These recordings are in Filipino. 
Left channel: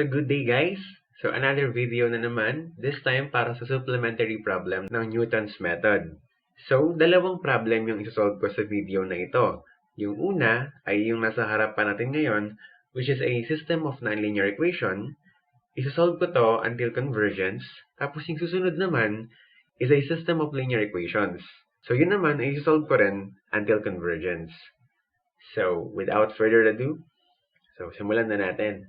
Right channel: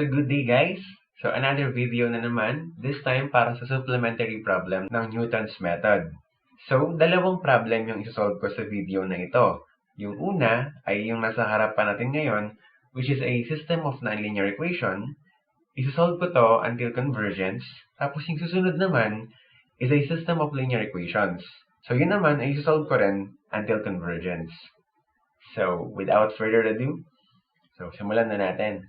So good day guys! So another video na naman, this time para sa supplementary problem ng Newton's method. So dalawang problem yung isosolve ko sa video na ito. Yung una ay yung nasa harapan natin ngayon, which is a system of nonlinear equation. Isosolve ko to until convergence. Tapos yung susunod naman is a system of linear equations. So yun naman ay isosolve ko rin until convergence. So without further ado, simulan na natin.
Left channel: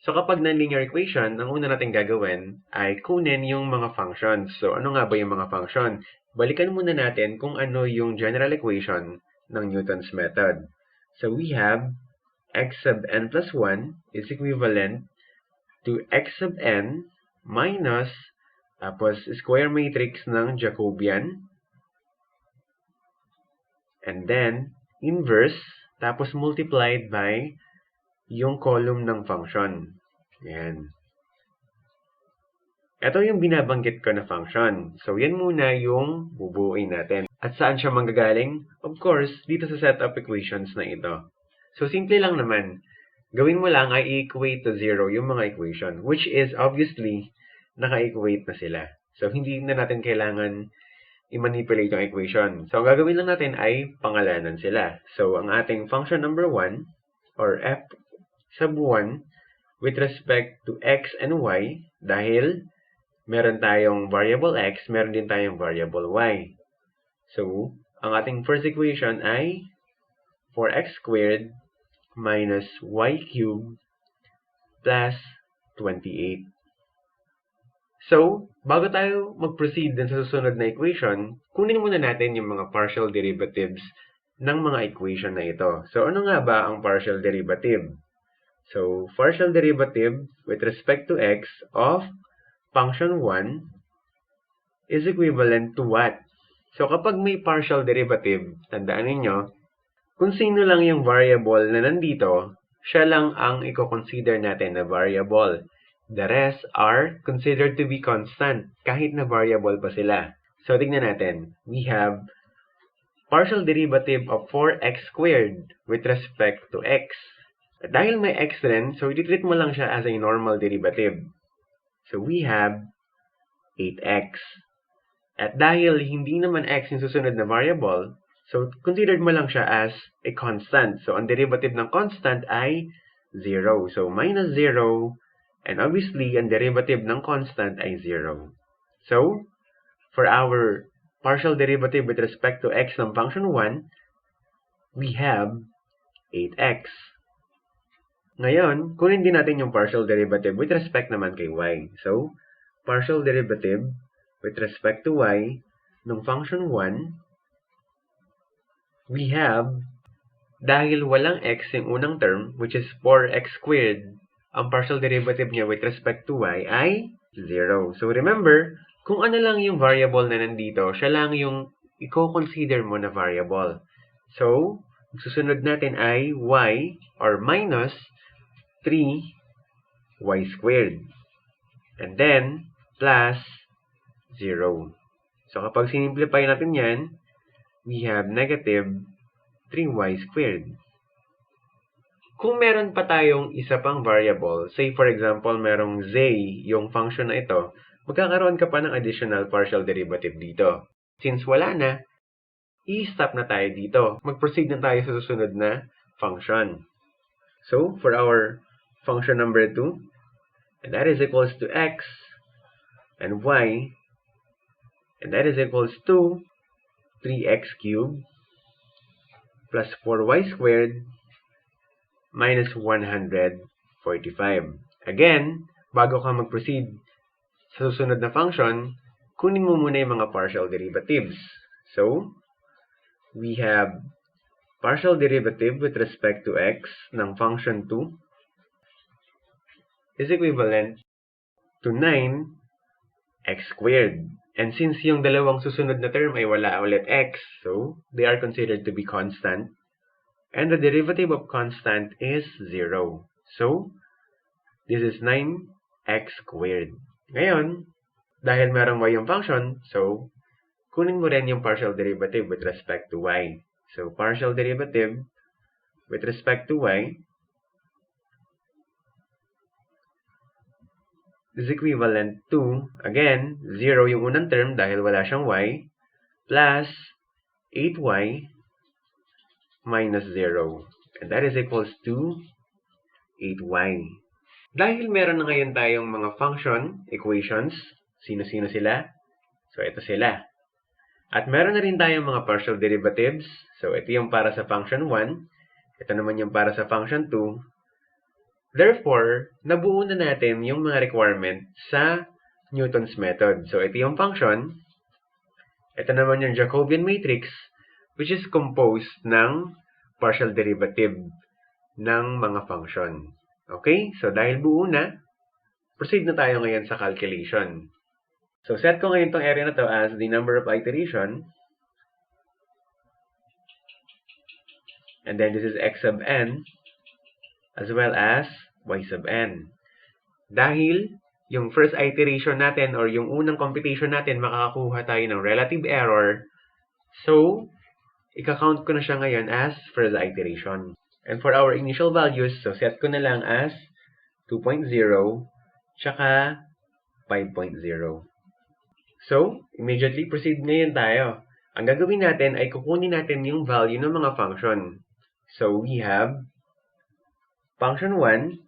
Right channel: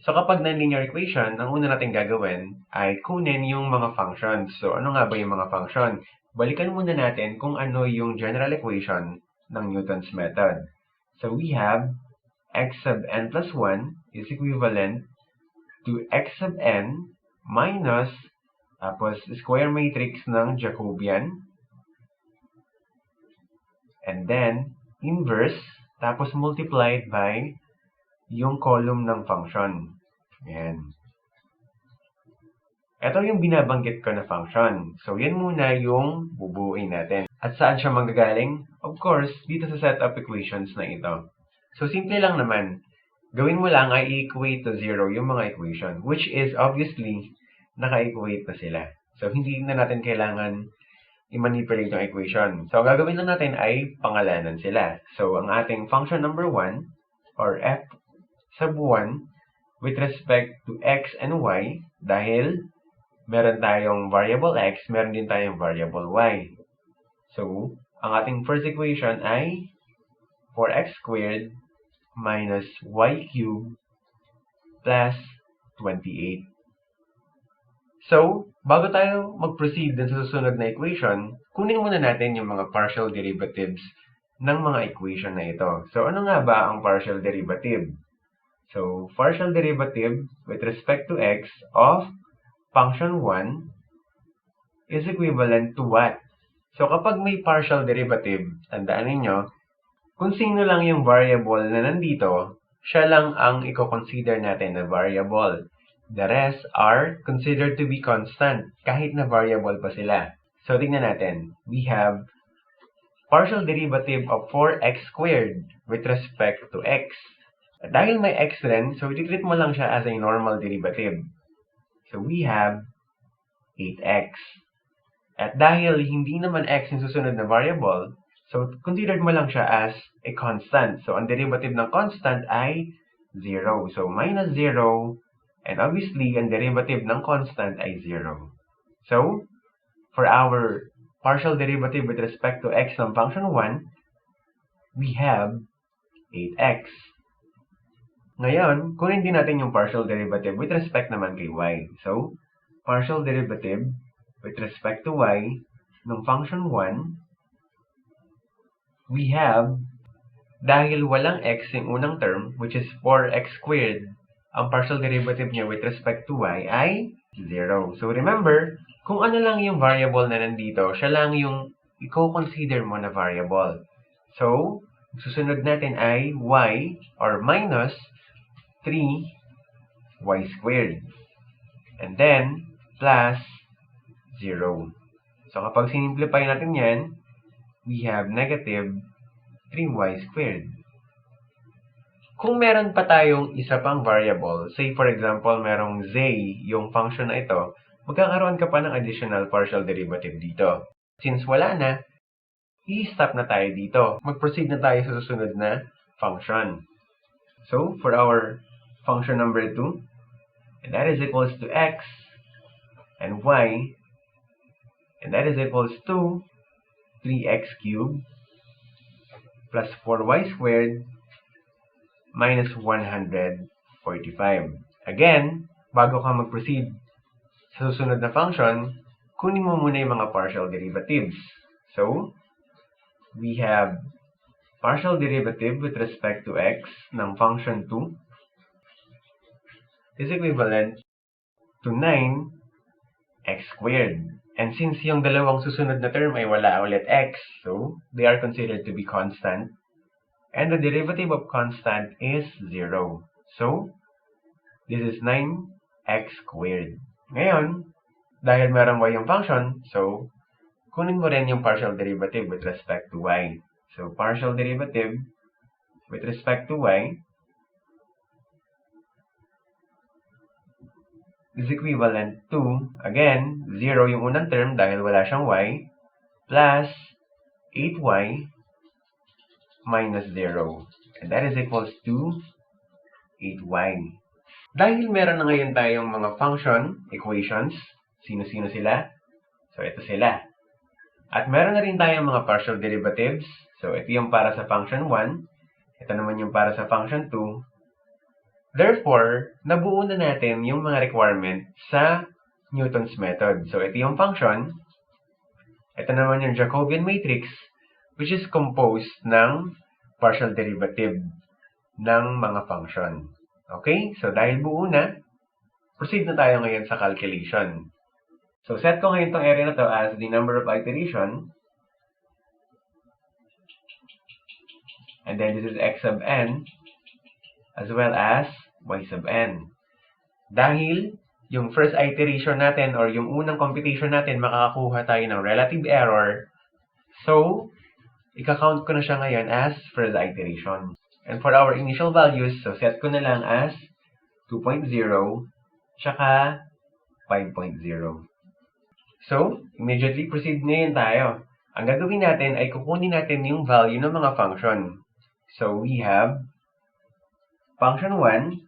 So kapag nonlinear equation, ang una natin gagawin ay kunin yung mga functions. So ano nga ba yung mga function? Balikan muna natin kung ano yung general equation ng Newton's method. So we have x sub n plus 1 is equivalent to x sub n minus tapos square matrix ng Jacobian and then inverse tapos multiplied by yung column ng function. Yan. Ito yung binabanggit ko na function. So, yan muna yung bubuuin natin. At saan siya manggagaling? Of course, dito sa set of equations na ito. So, simple lang naman. Gawin mo lang ay i-equate to 0 yung mga equation, which is obviously naka-equate na sila. So, hindi na natin kailangan i-manipulate yung equation. So, ang gagawin lang natin ay pangalanan sila. So, ang ating function number 1 or f sub 1 with respect to x and y dahil meron tayong variable x, meron din tayong variable y. So, ang ating first equation ay 4x squared minus y cubed plus 28. So, bago tayo mag-proceed din sa susunod na equation, kunin muna natin yung mga partial derivatives ng mga equation na ito. So, ano nga ba ang partial derivative? So, partial derivative with respect to x of function 1 is equivalent to what? So, kapag may partial derivative, tandaan ninyo, kung sino lang yung variable na nandito, siya lang ang i-consider natin na variable. The rest are considered to be constant, kahit na variable pa sila. So, tingnan natin. We have partial derivative of 4x squared with respect to x. At dahil may x rin, so i-treat mo lang siya as a normal derivative. So we have 8x. At dahil hindi naman x yung susunod na variable, so considered mo lang siya as a constant. So ang derivative ng constant ay 0. So minus 0, and obviously ang derivative ng constant ay 0. So for our partial derivative with respect to x ng function 1, we have 8x. Ngayon, kunin din natin yung partial derivative with respect naman kay y. So, partial derivative with respect to y ng function 1, we have, dahil walang x yung unang term, which is 4x squared, ang partial derivative niya with respect to y ay 0. So, remember, kung ano lang yung variable na nandito, siya lang yung i-consider mo na variable. So, susunod natin ay y or minus 3y squared. And then, plus 0. So, kapag sinimplify natin yan, we have negative 3y squared. Kung meron pa tayong isa pang variable, say for example, merong z yung function na ito, magkakaroon ka pa ng additional partial derivative dito. Since wala na, i-stop na tayo dito. Mag-proceed na tayo sa susunod na function. So, for our function number 2, and that is equals to x and y, and that is equals to 3x cubed plus 4y squared minus 145. Again, bago ka mag-proceed sa susunod na function, kunin mo muna yung mga partial derivatives. So, we have partial derivative with respect to x ng function 2 is equivalent to 9x squared. And since yung dalawang susunod na term ay wala ulit x, so they are considered to be constant. And the derivative of constant is 0. So, this is 9x squared. Ngayon, dahil meron y yung function, so kunin mo rin yung partial derivative with respect to y. So, partial derivative with respect to y is equivalent to, again, 0 yung unang term dahil wala siyang y, plus 8y minus 0. And that is equals to 8y. Dahil meron na ngayon tayong mga function equations, sino-sino sila? So, ito sila. At meron na rin tayong mga partial derivatives. So, ito yung para sa function 1. Ito naman yung para sa function 2. Therefore, nabuo na natin yung mga requirement sa Newton's method. So, ito yung function. Ito naman yung Jacobian matrix, which is composed ng partial derivative ng mga function. Okay? So, dahil buo na, proceed na tayo ngayon sa calculation. So, set ko ngayon itong area na to as the number of iteration. And then this is x sub n as well as y sub n. Dahil yung first iteration natin or yung unang computation natin, makakakuha tayo ng relative error. So, ika-count ko na siya ngayon as first iteration. And for our initial values, so set ko na lang as 2.0 tsaka 5.0. So, immediately proceed ngayon tayo. Ang gagawin natin ay kukunin natin yung value ng mga function. So, we have function 1,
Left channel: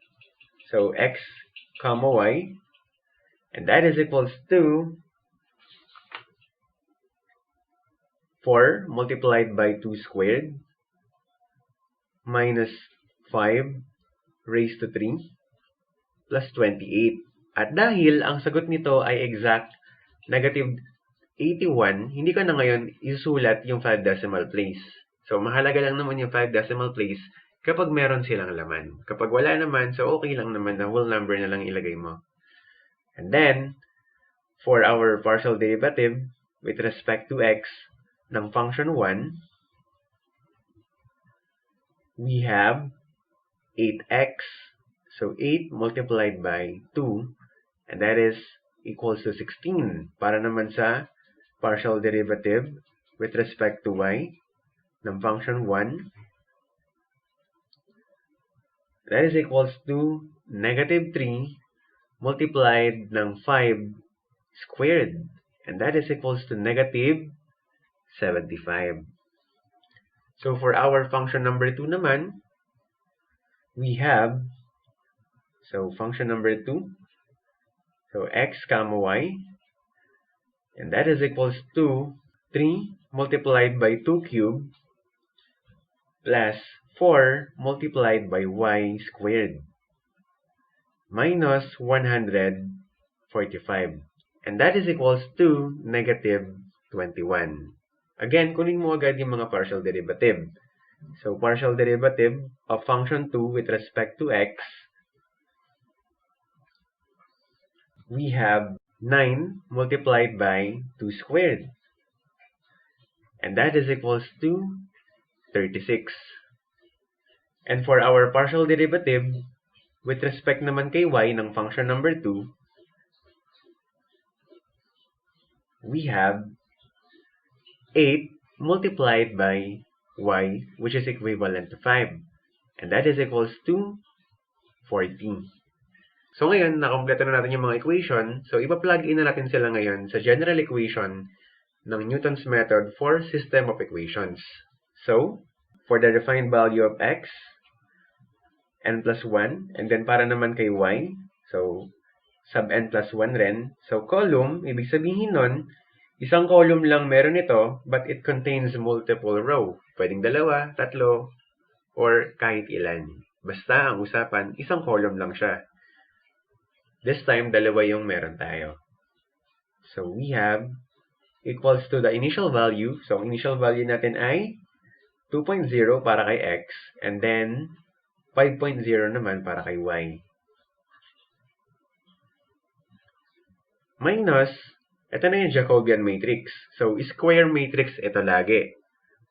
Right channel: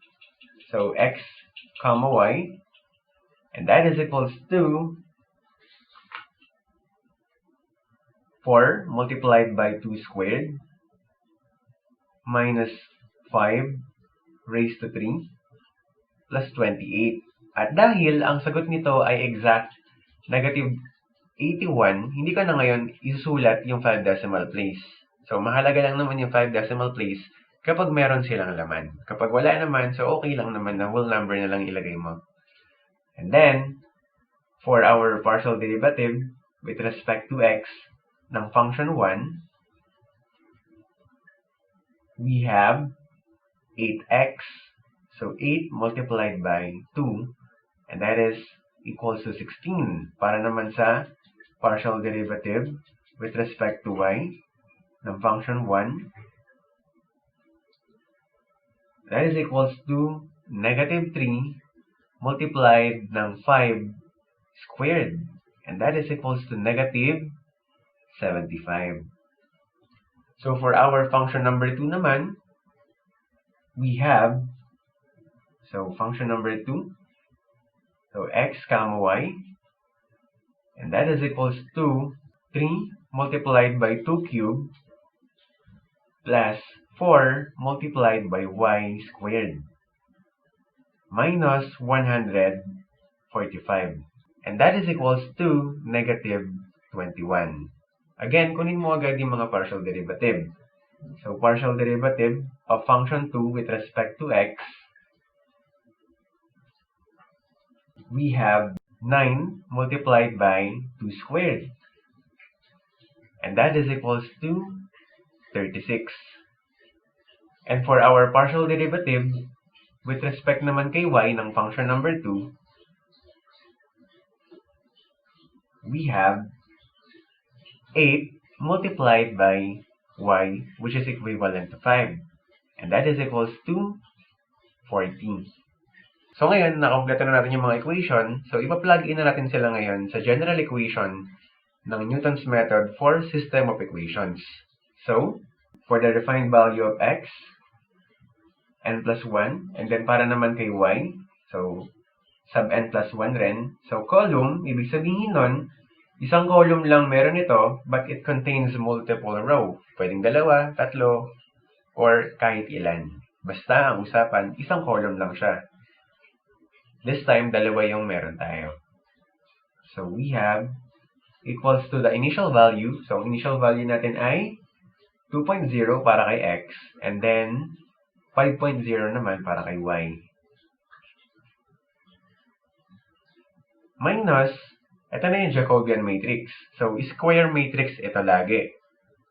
so x comma y, and that is equals to 4 multiplied by 2 squared minus 5 raised to 3 plus 28. At dahil ang sagot nito ay exact negative 81, hindi ko na ngayon isusulat yung 5 decimal place. So, mahalaga lang naman yung 5 decimal place kapag meron silang laman. Kapag wala naman, so okay lang naman na whole number na lang ilagay mo. And then, for our partial derivative with respect to x ng function 1, we have 8x. So, 8 multiplied by 2, and that is equals to 16. Para naman sa partial derivative with respect to y ng function 1, that is equals to negative 3 multiplied ng 5 squared. And that is equals to negative 75. So for our function number 2 naman, we have, so function number 2, so x comma y, and that is equals to 3 multiplied by 2 cubed plus 4 multiplied by y squared minus 145. And that is equals to negative 21. Again, kunin mo agad yung mga partial derivative. So, partial derivative of function 2 with respect to x, we have 9 multiplied by 2 squared. And that is equals to 36. And for our partial derivative, with respect naman kay y ng function number 2, we have 8 multiplied by y, which is equivalent to 5. And that is equals to 40. So ngayon, nakompleto na natin yung mga equation. So ipa-plug in na natin sila ngayon sa general equation ng Newton's method for system of equations. So, for the defined value of x, n plus 1, and then para naman kay y, so sub n plus 1 rin. So column, ibig sabihin nun, isang column lang meron ito, but it contains multiple row. Pwedeng dalawa, tatlo, or kahit ilan. Basta ang usapan, isang column lang siya. This time, dalawa yung meron tayo. So we have equals to the initial value. So ang initial value natin ay 2.0 para kay x, and then 5.0 naman para kay y. Minus, ito na yung Jacobian matrix. So, square matrix ito lagi.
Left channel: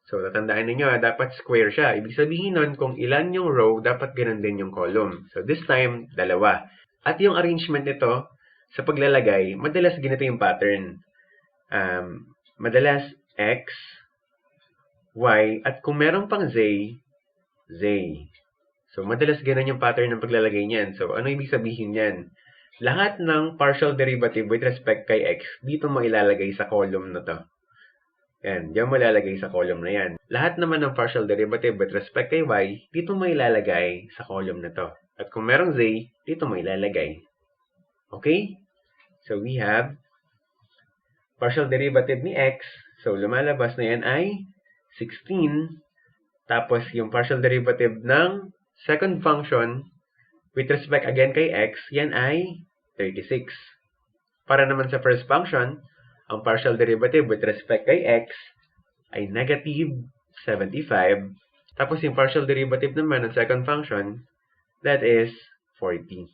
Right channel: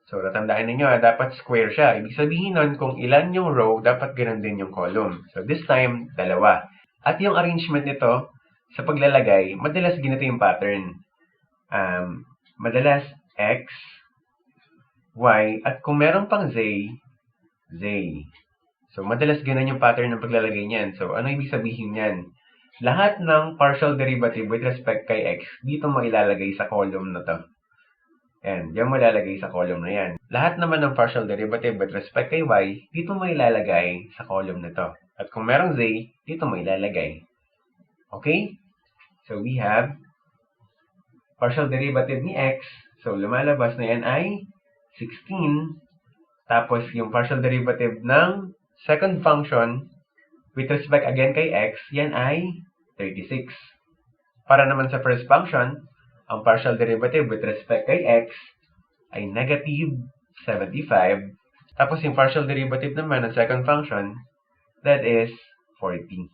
So, tatandaan ninyo, dapat square siya. Ibig sabihin nun, kung ilan yung row, dapat ganun din yung column. So, this time, dalawa. At yung arrangement nito, sa paglalagay, madalas ganito yung pattern. Madalas x, y, at kung meron pang z, z. So, madalas ganun yung pattern ng paglalagay niyan. So, ano ibig sabihin niyan? lahat ng partial derivative with respect kay x, dito mo ilalagay sa column na to. Yan, diyan mo ilalagay sa column na yan. Lahat naman ng partial derivative with respect kay y, dito mo ilalagay sa column na to. At kung merong z, dito mo ilalagay. Okay? So we have partial derivative ni x. So lumalabas na yan ay 16. Tapos yung partial derivative ng second function with respect again kay x, yan ay 36. Para naman sa first function, ang partial derivative with respect kay x ay negative 75. Tapos yung partial derivative naman ng second function, that is 40.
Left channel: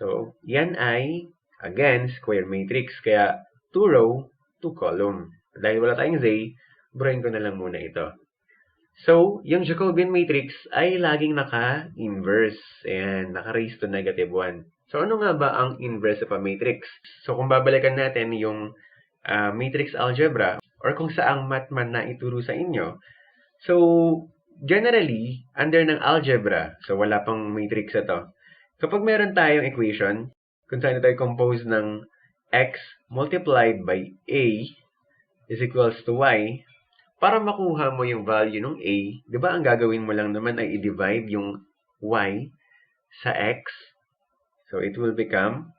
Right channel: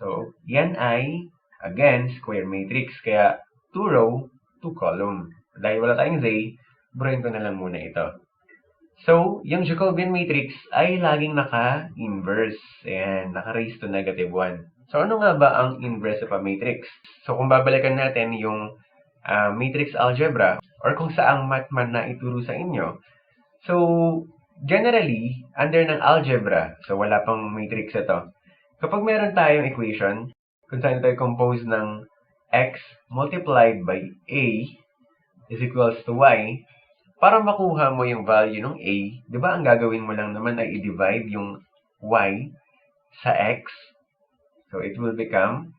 So, yan ay, again, square matrix. Kaya, 2 row, 2 column. Dahil wala tayong z, burahin ko na lang muna ito. So, yung Jacobian matrix ay laging naka-inverse. Ayan, naka-raise to negative 1. So, ano nga ba ang inverse of a matrix? So, kung babalikan natin yung matrix algebra, or kung saang math man na ituro sa inyo. So, generally, under ng algebra, so wala pang matrix ito, kapag meron tayong equation, kung saan ito ay composed ng x multiplied by a is equals to y, para makuha mo yung value ng a, di ba ang gagawin mo lang naman ay i-divide yung y sa x. So, it will become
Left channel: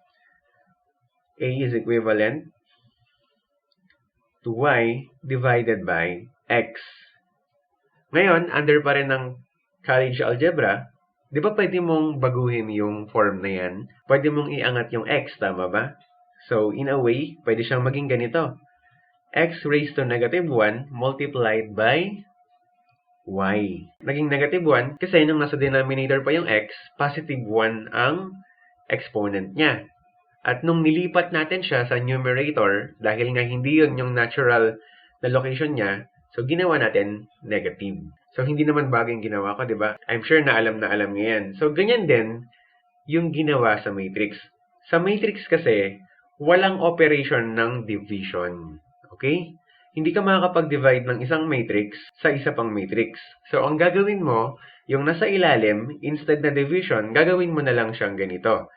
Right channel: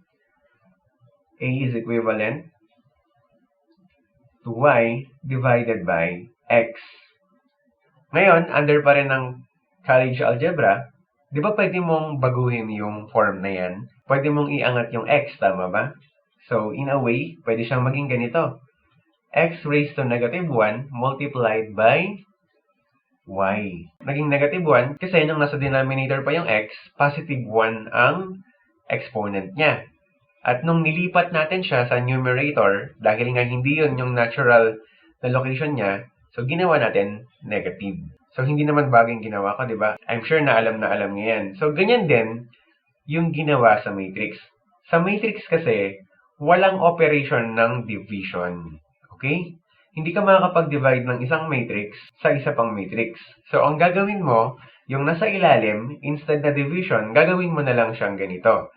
a is equivalent to y divided by x. Ngayon, under pa rin ng college algebra, di ba pwede mong baguhin yung form na yan? Pwede mong iangat yung x, tama ba? So, in a way, pwede siyang maging ganito. X raised to negative 1 multiplied by y. Naging negative 1 kasi nung nasa denominator pa yung x, positive 1 ang exponent niya. At nung nilipat natin siya sa numerator, dahil nga hindi yun yung natural na location niya, so ginawa natin negative. So hindi naman bagay yung ginawa ko, di ba? I'm sure na alam niyo yan. So ganyan din yung ginawa sa matrix. Sa matrix kasi, walang operation ng division. Okay? Hindi ka makakapag-divide ng isang matrix sa isa pang matrix. So ang gagawin mo, yung nasa ilalim, instead na division, gagawin mo na lang siyang ganito.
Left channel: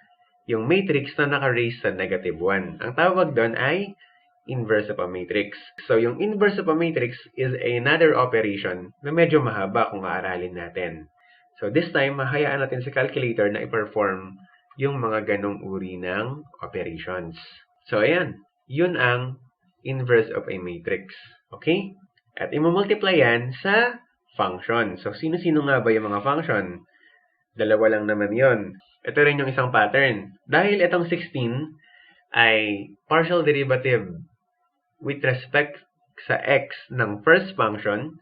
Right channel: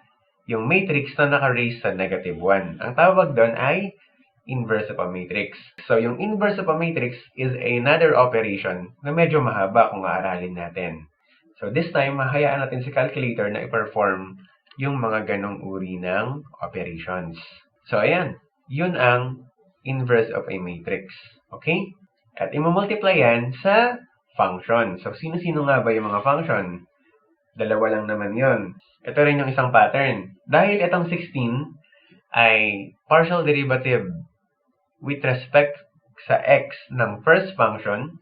Yung matrix na naka-raise sa negative 1. Ang tawag doon ay inverse of a matrix. So, yung inverse of a matrix is another operation na medyo mahaba kung aaralin natin. So, this time, mahayaan natin sa calculator na i-perform yung mga ganong uri ng operations. So, ayan. Yun ang inverse of a matrix. Okay? At imumultiply yan sa function. So, sino-sino nga ba yung mga function? Dalawa lang naman yon. Ito rin yung isang pattern. Dahil itong 16 ay partial derivative with respect sa x ng first function,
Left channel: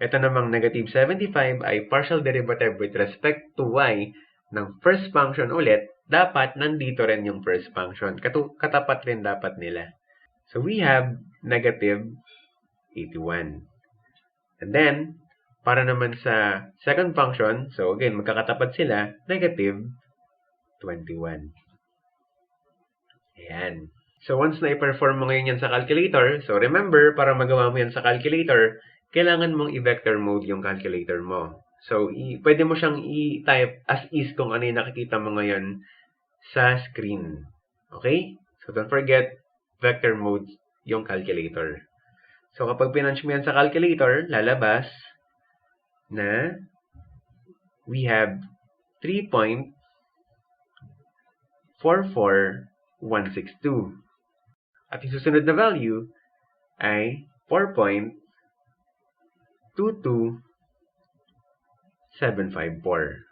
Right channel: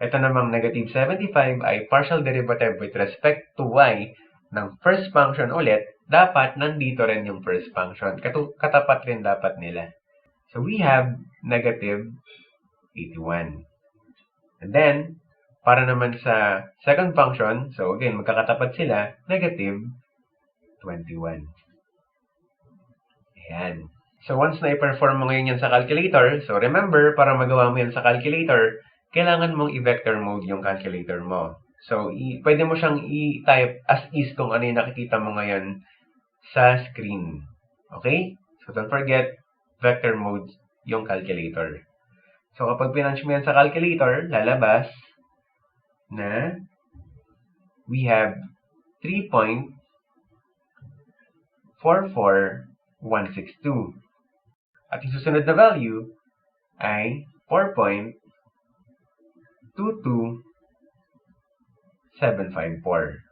ito namang negative 75 ay partial derivative with respect to y ng first function ulit, dapat nandito rin yung first function. Katapat rin dapat nila. So we have negative 81. And then, para naman sa second function, so again, magkakatapat sila, negative 21. Ayan. So once na i-perform mo ngayon yan sa calculator, so remember, para magawa mo yan sa calculator, kailangan mong i-vector mode yung calculator mo. So, pwede mo siyang i-type as is kung ano yung nakikita mo ngayon sa screen. Okay? So don't forget, vector mode yung calculator. So kapag pinunch mo yan sa calculator, lalabas na we have 3.44162. At yung susunod na value ay 4.22754.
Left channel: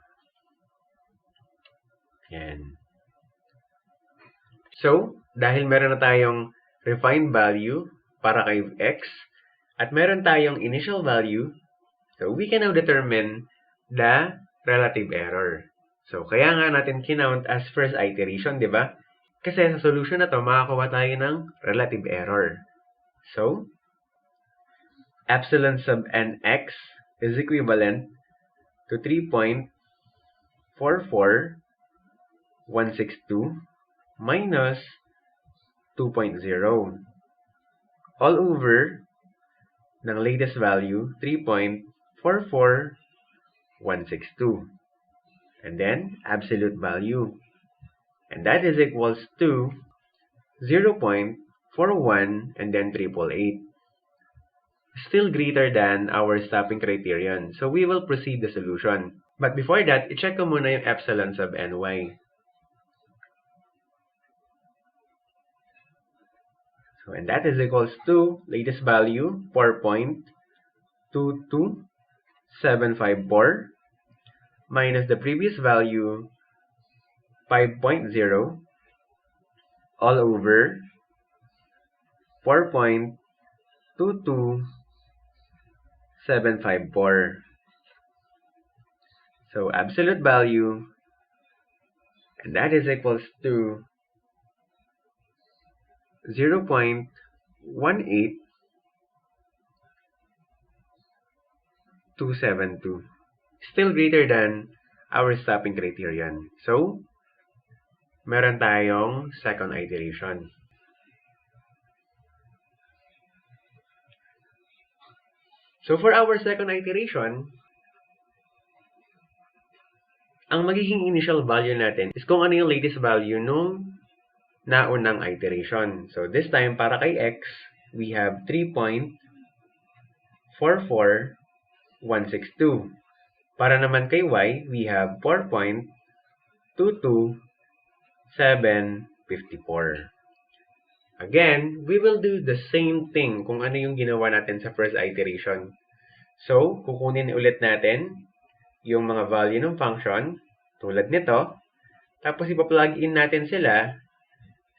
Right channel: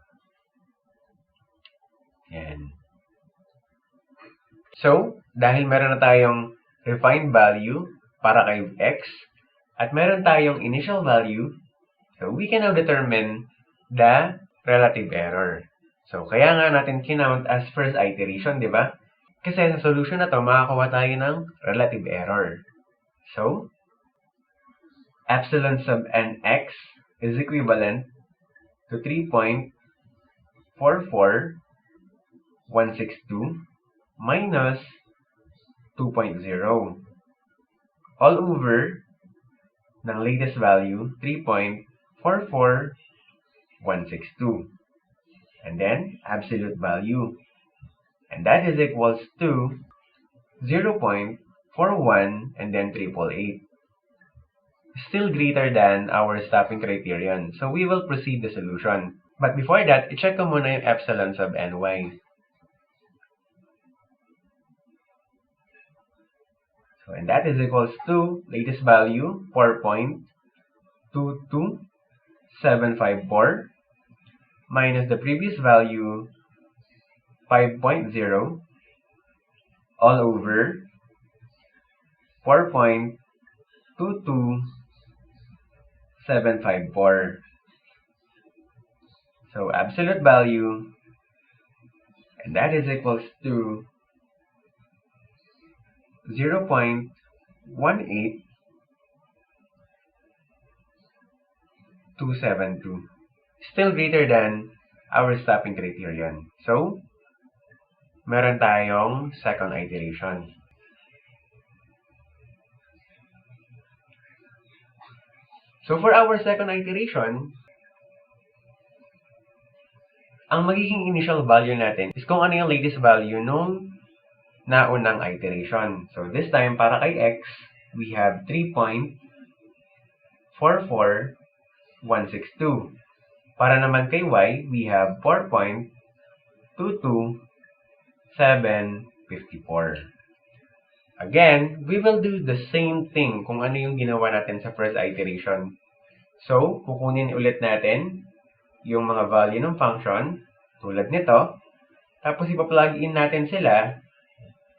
Yan. So, dahil meron na tayong refined value para kay x, at meron tayong initial value, so we can now determine the relative error. So, kaya nga natin kinount as first iteration, di ba? Kasi sa solution na to, makakuha tayo ng relative error. So, epsilon sub nx is equivalent to 3.44162 minus 2.0 all over ng latest value, 3.44162. And then, absolute value. And that is equals to 0.41 and then 888. Still greater than our stopping criterion. So we will proceed the solution. But before that, i-check ko muna yung epsilon sub ny. So, and that is equals to latest value 4.22754 minus the previous value 5.0 all over 4.22754. So absolute value, and that is equals to 0.18272. Still greater than our stopping criterion. So, meron tayong second iteration. So, for our second iteration, ang magiging initial value natin is kung ano yung latest value nung naunang iteration. So, this time, para kay x, we have 3.44162. Para naman kay y, we have 4.22754. Again, we will do the same thing kung ano yung ginawa natin sa first iteration. So, kukunin ulit natin yung mga value ng function, tulad nito, tapos ipa-plug in natin sila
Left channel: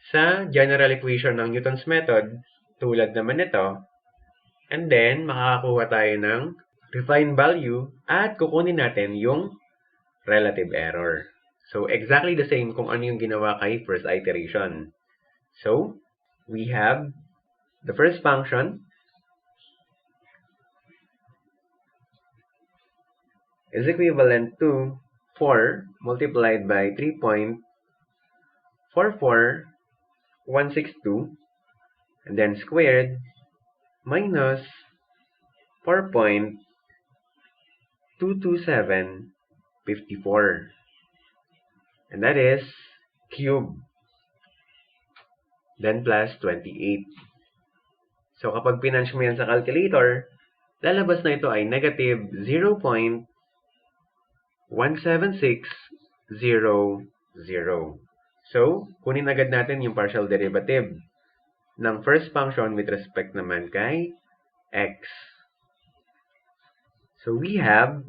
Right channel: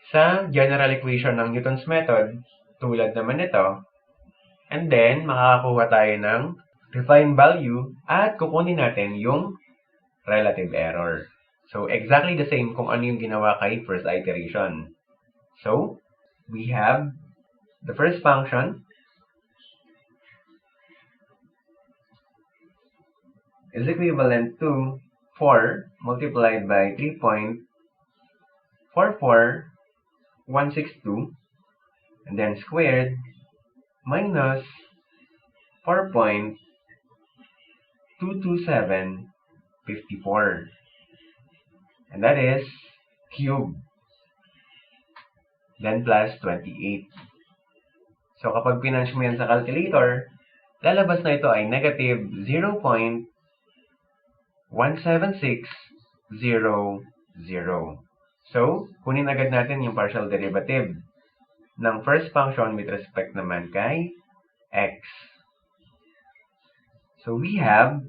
sa general equation ng Newton's method, tulad naman nito, and then, makakakuha tayo ng refined value at kukunin natin yung relative error. So, exactly the same kung ano yung ginawa kay first iteration. So, we have the first function is equivalent to 4 multiplied by 3.44162 and then squared minus 4.22754, and that is cube, then plus 28. So kapag pinunch mo yan sa calculator, lalabas na ito ay negative 0.17600. So, kunin agad natin yung partial derivative ng first function with respect naman kay x. So, we have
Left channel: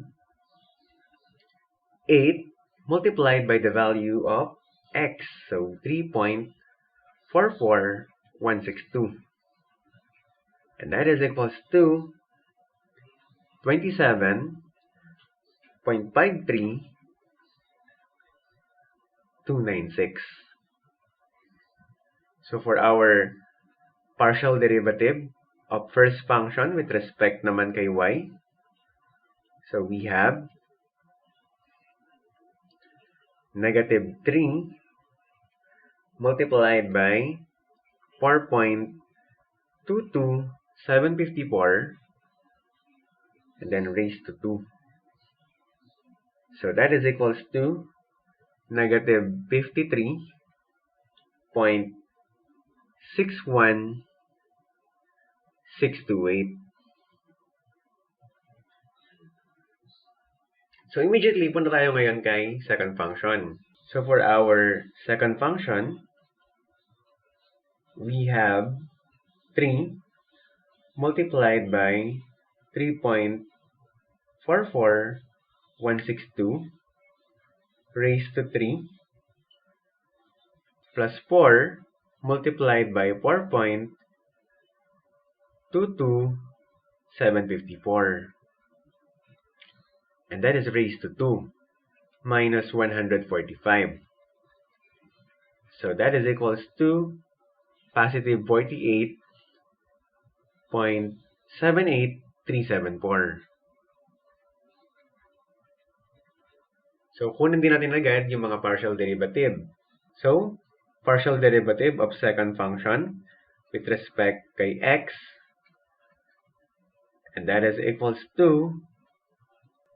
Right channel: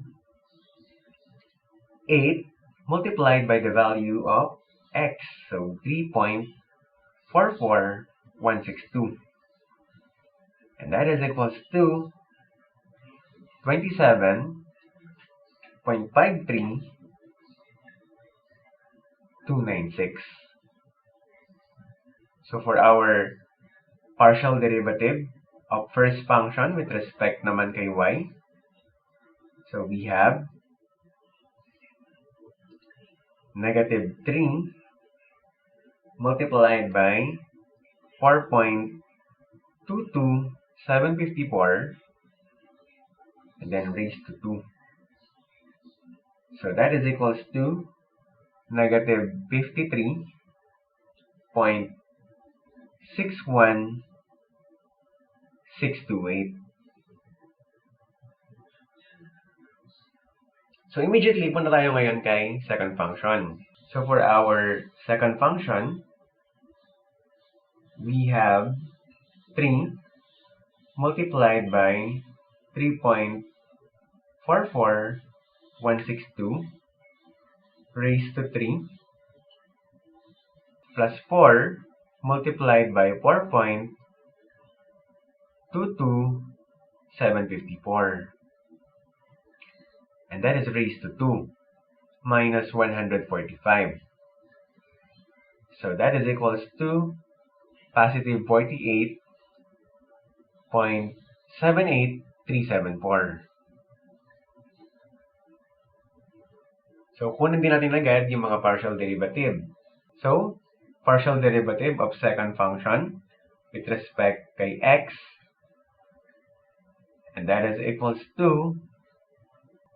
8 multiplied by the value of x. So, 3.44162. And that is equals to 27.53296. So, for our partial derivative of first function with respect naman kay y, so we have negative 3 multiplied by 4.22754 and then raised to 2. So that is equals to negative 53.61628. So immediately, punta tayo ngayon kay second function. So for our second function, we have 3 multiplied by 3.44162 raised to 3 plus 4 multiplied by 4.22754. And that is raised to 2 minus 145. So that is equals to positive 48.78374. So kunin din natin agad yung mga partial derivative. So, partial derivative of second function with respect kay x, and that is equals to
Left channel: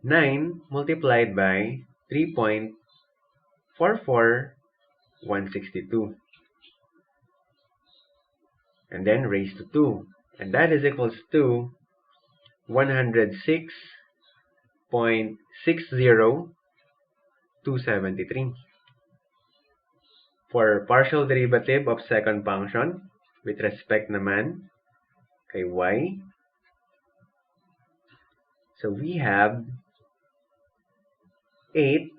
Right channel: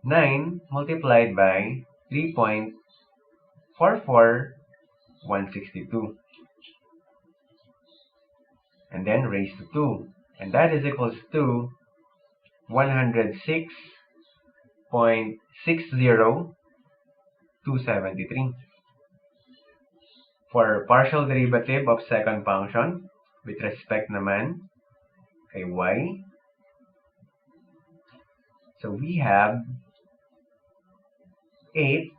9 multiplied by 3.44162 162. And then raised to 2. And that is equals to 106.60273. For partial derivative of second function, with respect naman kay y, so we have 8,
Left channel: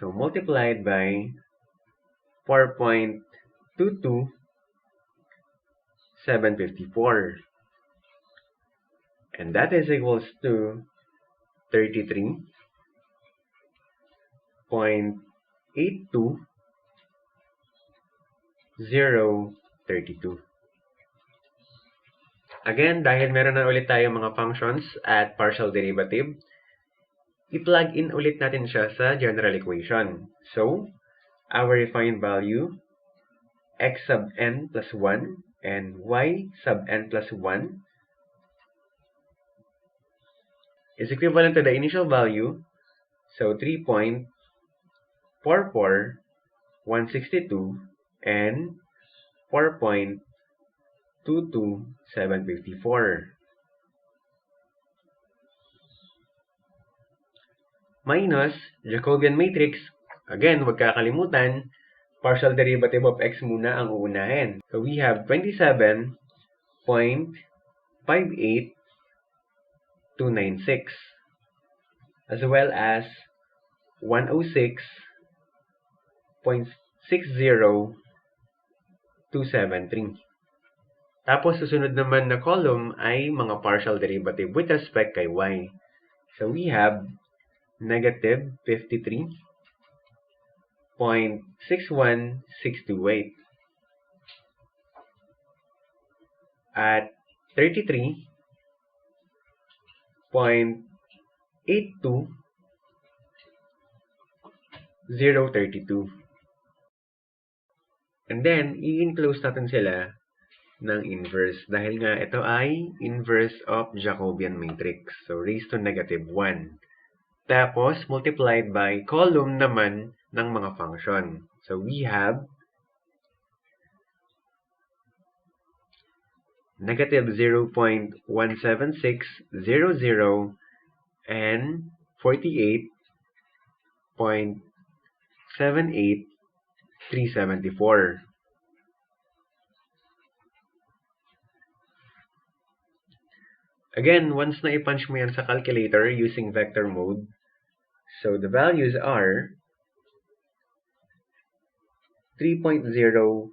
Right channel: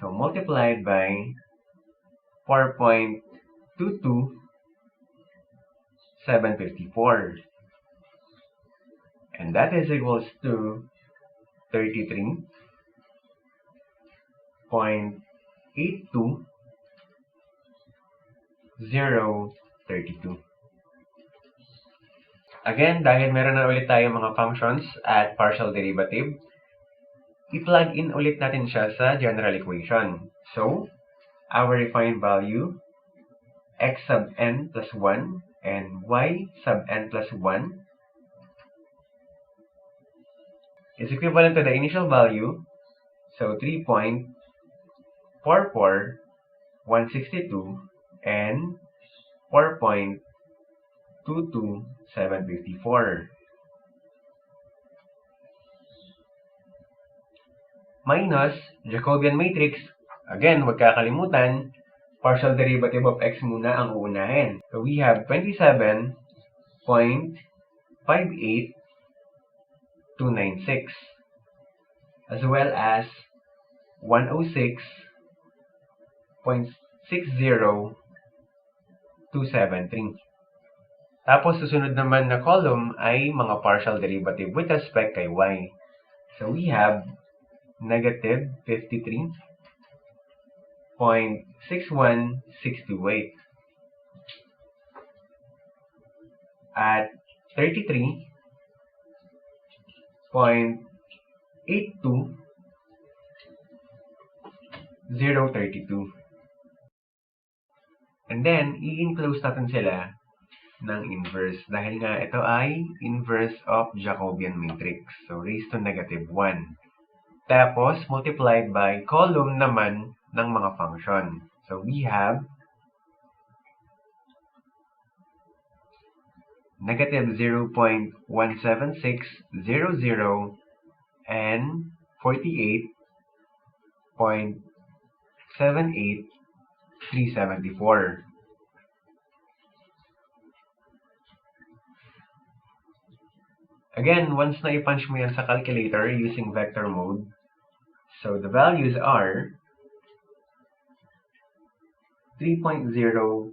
so multiplied by 4.22754. And that is equals to 33.82032. Again, dahil meron na ulit tayo mga functions at partial derivative, i-plug in ulit natin siya sa general equation. So, our refined value, x sub n plus 1 and y sub n plus 1 is equivalent to the initial value, so 3.44162 and 4.22754. Minus Jacobian matrix, again, wag kakalimutan, partial derivative of x muna ang uunahin. So we have 27.58296 as well as 106.60273. Tapos susunod naman na column ay mga partial derivative with respect kay y. So we have negative 53.61628 at 33.82032. And then, i-enclose natin sila ng inverse dahil nga ito ay inverse of Jacobian matrix. So, raised to negative 1. Tapos, multiplied by column naman ng mga function. So, we have negative 0.17600 and 48.78374. Again, once na i-punch mo yan sa calculator using vector mode, so the values are 3.04900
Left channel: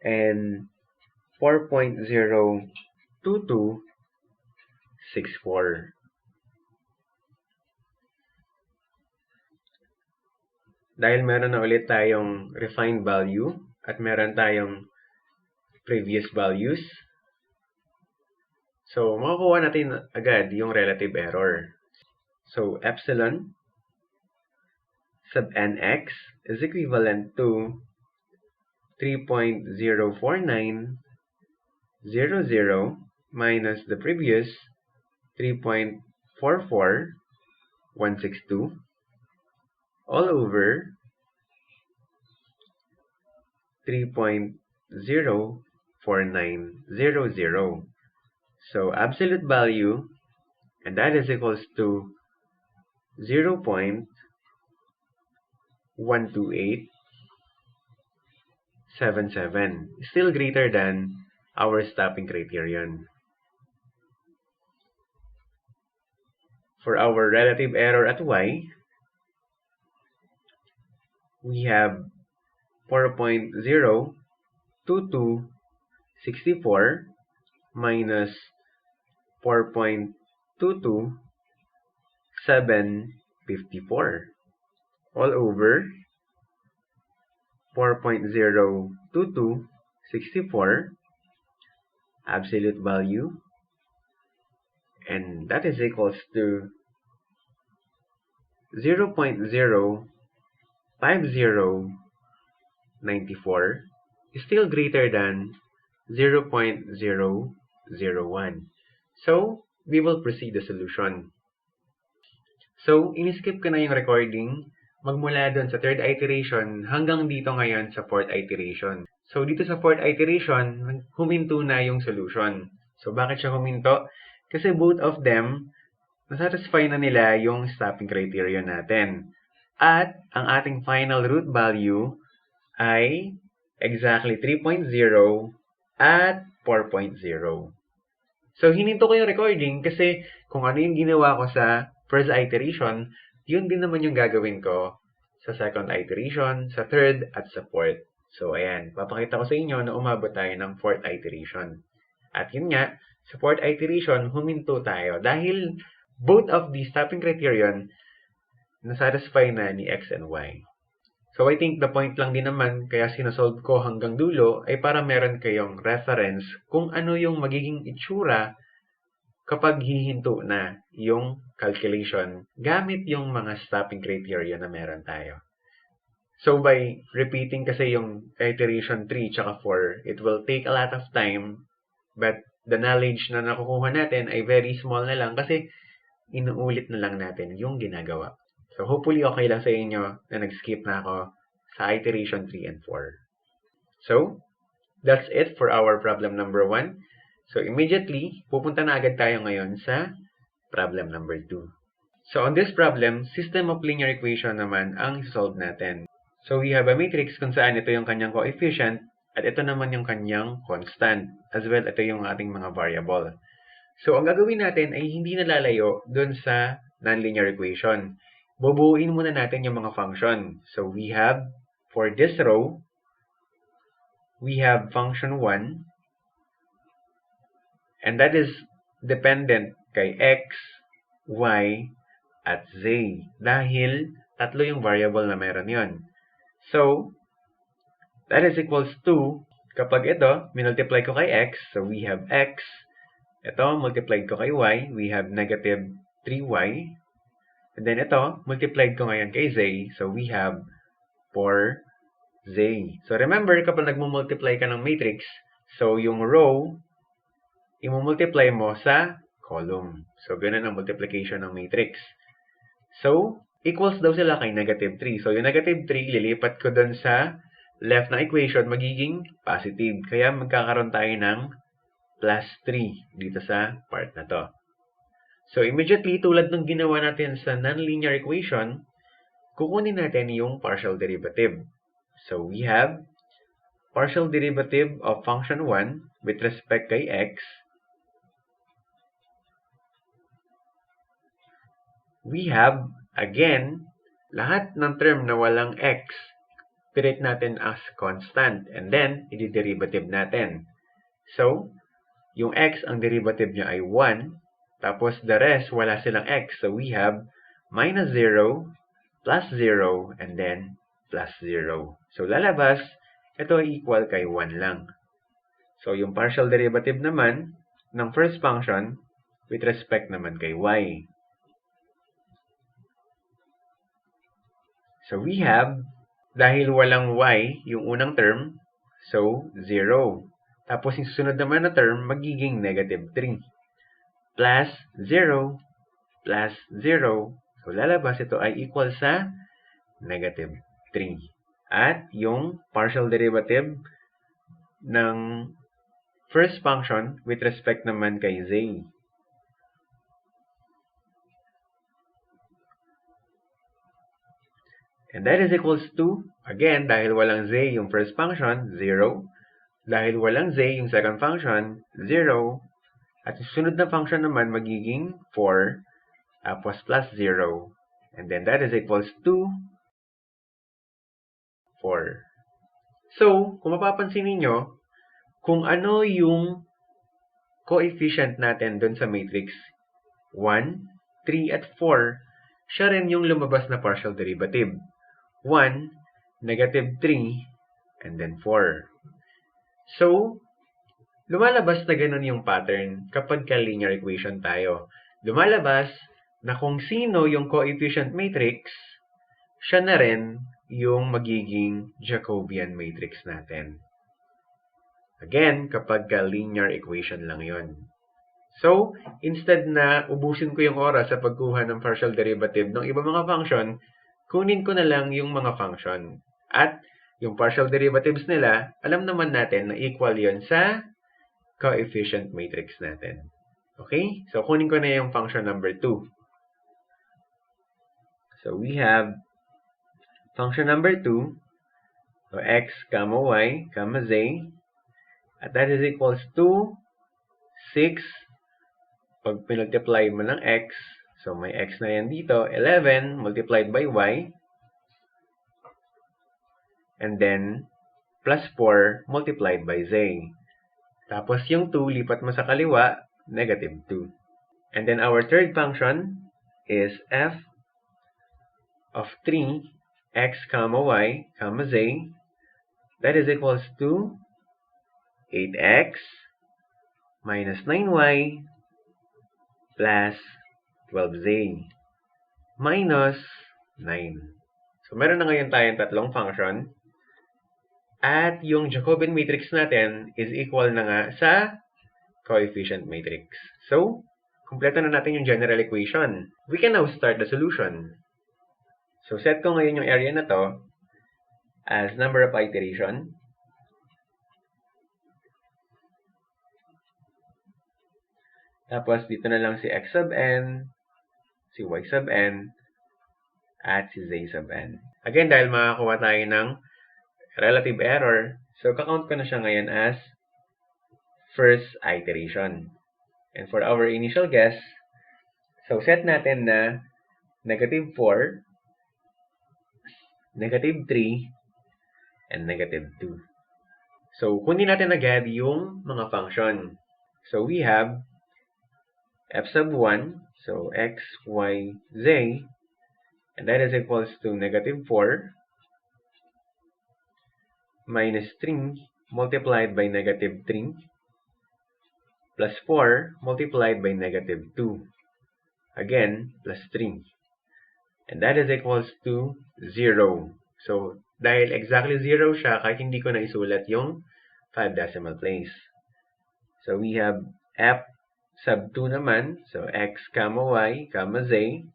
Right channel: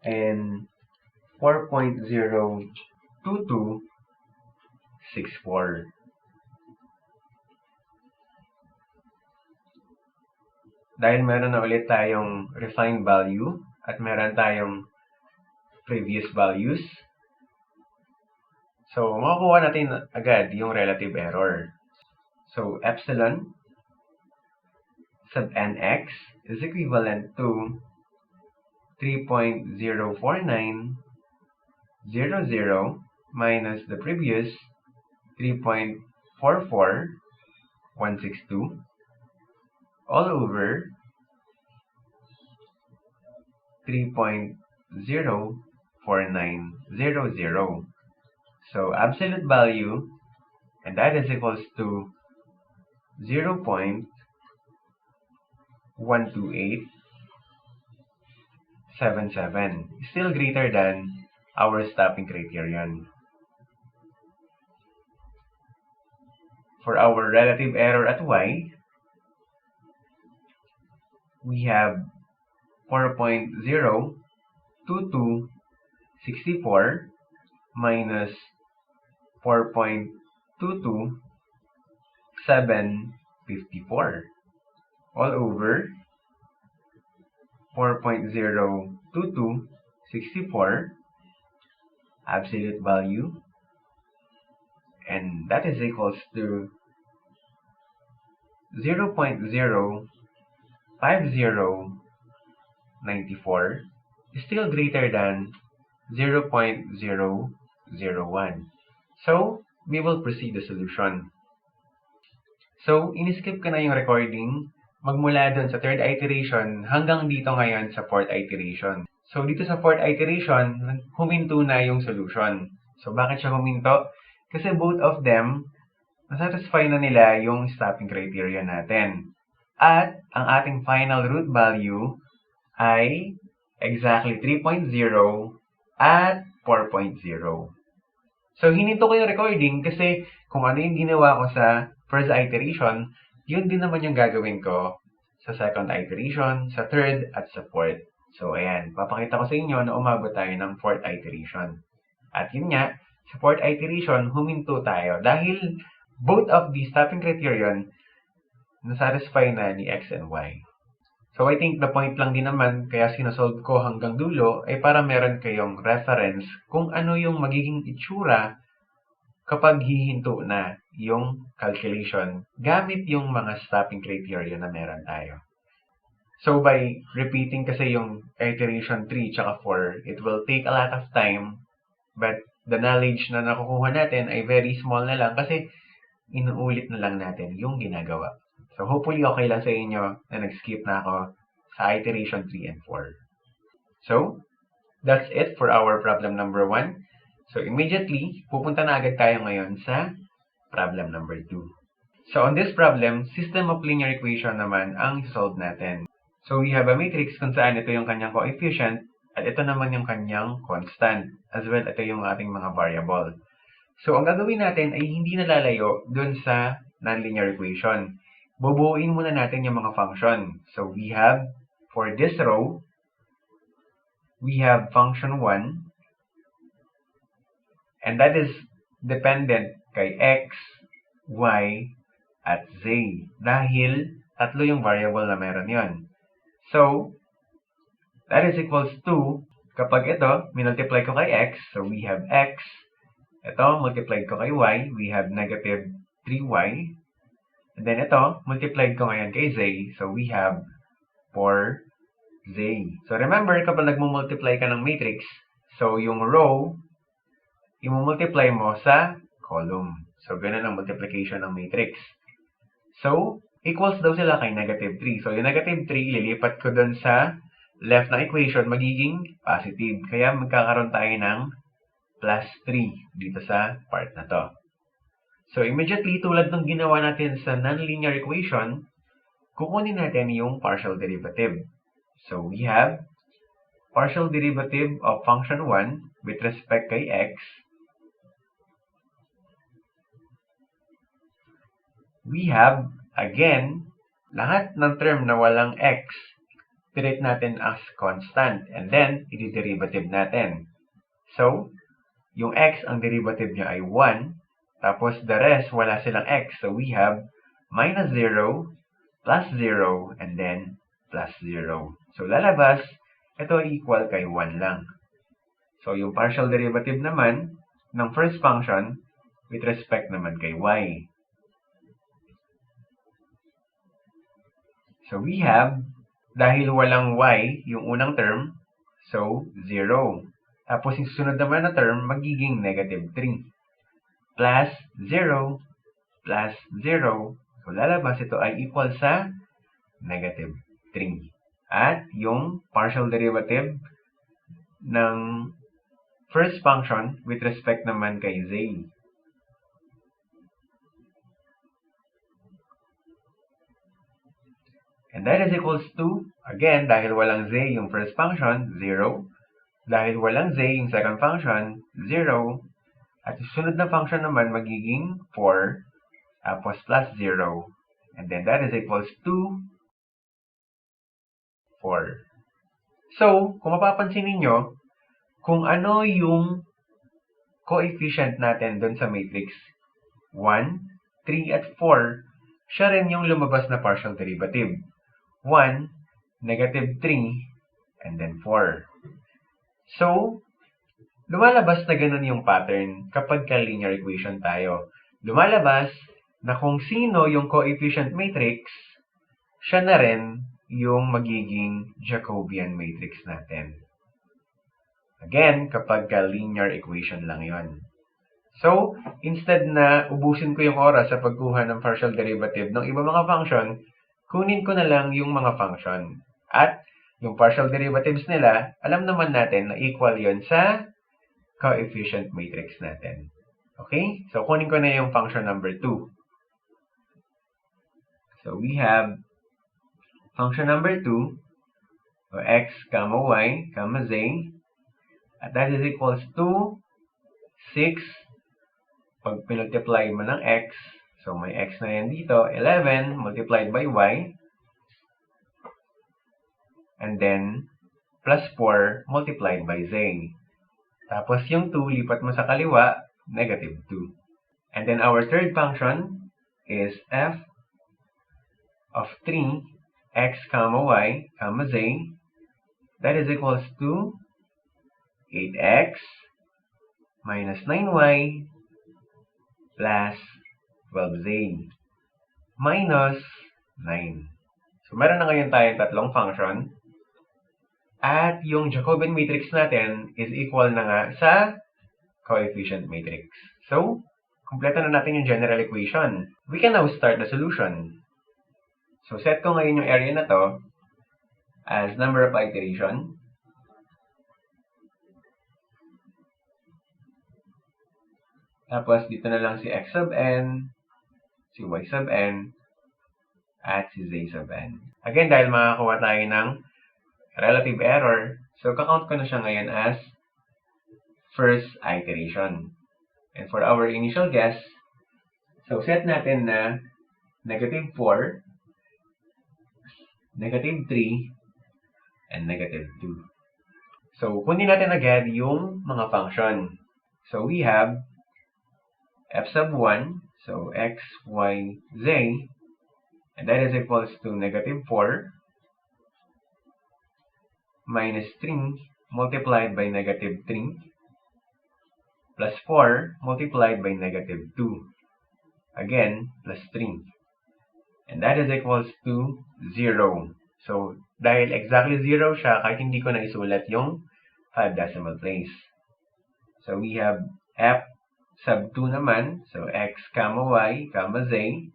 and 4.02264. Dahil meron na ulit tayong refined value at meron tayong previous values, so makukuha natin agad yung relative error. So epsilon sub nx is equivalent to 3.04900 minus the previous 3.44162 all over 3.04900. So absolute value, and that is equals to 0.12877, still greater than our stopping criterion. For our relative error at y, we have 4.02264 minus 4.22754 all over 4.02264 absolute value, and that is equals to 0.05094 is still greater than 0.001. So, we will proceed the solution. So, in-skip ko na yung recording magmula dun sa third iteration hanggang dito ngayon sa fourth iteration. So, dito sa fourth iteration, huminto na yung solution. So, bakit siya huminto? Kasi both of them, nasatisfy na nila yung stopping criteria natin. At ang ating final root value ay exactly 3.0 at 4.0. So, hininto ko yung recording kasi kung ano yung ginawa ko sa first iteration, yun din naman yung gagawin ko sa second iteration, sa third, at sa fourth. So, ayan. Papakita ko sa inyo na umabot tayo ng fourth iteration. At yun nga, sa fourth iteration, huminto tayo dahil both of the stopping criterion nasatisfy na ni X and Y. So, I think the point lang din naman kaya sinasolve ko hanggang dulo ay para meron kayong reference kung ano yung magiging itsura kapag hihinto na yung calculation gamit yung mga stopping criteria na meron tayo. So, by repeating kasi yung iteration 3 tsaka 4, it will take a lot of time, but the knowledge na nakukuha natin ay very small na lang kasi inuulit na lang natin yung ginagawa. So, hopefully okay lang sa inyo na nag-skip na ako sa iteration 3 and 4. So, that's it for our problem number 1. So, immediately, pupunta na agad tayo ngayon sa problem number 2. So, on this problem, system of linear equation naman ang solve natin. So, we have a matrix kung saan ito yung kanyang coefficient at ito naman yung kanyang constant. As well, ito yung ating mga variable. So, ang gagawin natin ay hindi nalalayo dun sa nonlinear equation. Bubuuin muna natin yung mga function. So, we have, for this row, we have function 1, and that is dependent kay x, y, at z. Dahil tatlo yung variable na meron yon. So, that is equals to, kapag ito, minultiply ko kay x, so we have x. Ito, multiplied ko kay y, we have negative 3y. And then ito, multiplied ko ngayon kay z, so we have 4z. So, remember, kapag nagmumultiply ka ng matrix, so yung row, imumultiply mo sa column. So, ganun ang multiplication ng matrix. So, equals daw sila kay negative 3. So, yung negative 3, ililipat ko dun sa left na equation, magiging positive. Kaya magkakaroon tayo ng plus 3 dito sa part na to. So, immediately, tulad ng ginawa natin sa nonlinear equation, kukunin natin yung partial derivative. So, we have partial derivative of function 1 with respect kay x. We have, again, lahat ng term na walang x, treat natin as constant. And then, i-derivative natin. So, yung x, ang derivative niya ay 1. Tapos, the rest, wala silang x. So, we have minus 0, plus 0, and then plus 0. So, lalabas, ito ay equal kay 1 lang. So, yung partial derivative naman ng first function with respect naman kay y. So, we have, dahil walang y, yung unang term, so, 0. Tapos, yung susunod naman na term, magiging negative 3. Plus 0, plus 0. So, lalabas ito ay equal sa negative 3. At yung partial derivative ng first function with respect naman kay z. And that is equals to, again, dahil walang z yung first function, 0. Dahil walang z yung second function, 0. At yung sunod na function naman magiging 4, tapos plus 0. And then that is equals to 4. So, kung mapapansin ninyo, kung ano yung coefficient natin dun sa matrix, 1, 3, at 4, siya rin yung lumabas na partial derivative. 1, negative 3, and then 4. So, lumalabas na ganun yung pattern kapag ka-linear equation tayo. Lumalabas na kung sino yung coefficient matrix, siya na rin yung magiging Jacobian matrix natin. Again, kapag ka-linear equation lang yon. So, instead na ubusin ko yung oras sa pagkuha ng partial derivative ng iba mga function, kunin ko na lang yung mga function. At yung partial derivatives nila, alam naman natin na equal yon sa coefficient matrix natin. Okay? So, kunin ko na yung function number 2. So, we have function number 2, so x comma y comma z, at that is equals to 6. Pag pinultiply mo ng x, so may x na yan dito, 11 multiplied by y, and then plus 4 multiplied by z. Tapos yung 2, lipat mo sa kaliwa, negative 2. And then our third function is f of 3, x comma y comma z, that is equals to 8x minus 9y plus 12z minus 9. So, meron na ngayon tayong tatlong function. At yung Jacobian matrix natin is equal na nga sa coefficient matrix. So, kumpleto na natin yung general equation. We can now start the solution. So, set ko ngayon yung area na to as number of iteration. Tapos, dito na lang si x sub n, si y sub n, at si z sub n. Again, dahil makakuha tayo ng relative error, so kakount ko na siya ngayon as first iteration. And for our initial guess, so set natin na negative 4, negative 3, and negative 2. So, kunin natin agad yung mga function. So, we have f sub 1, so x, y, z, and that is equals to negative 4 minus 3 multiplied by negative 3 plus 4 multiplied by negative 2. Again, plus 3. And that is equals to 0. So, dahil exactly 0 siya, kahit hindi ko na isulat yung 5 decimal place. So, we have f sub 2 naman. So, x comma y comma z.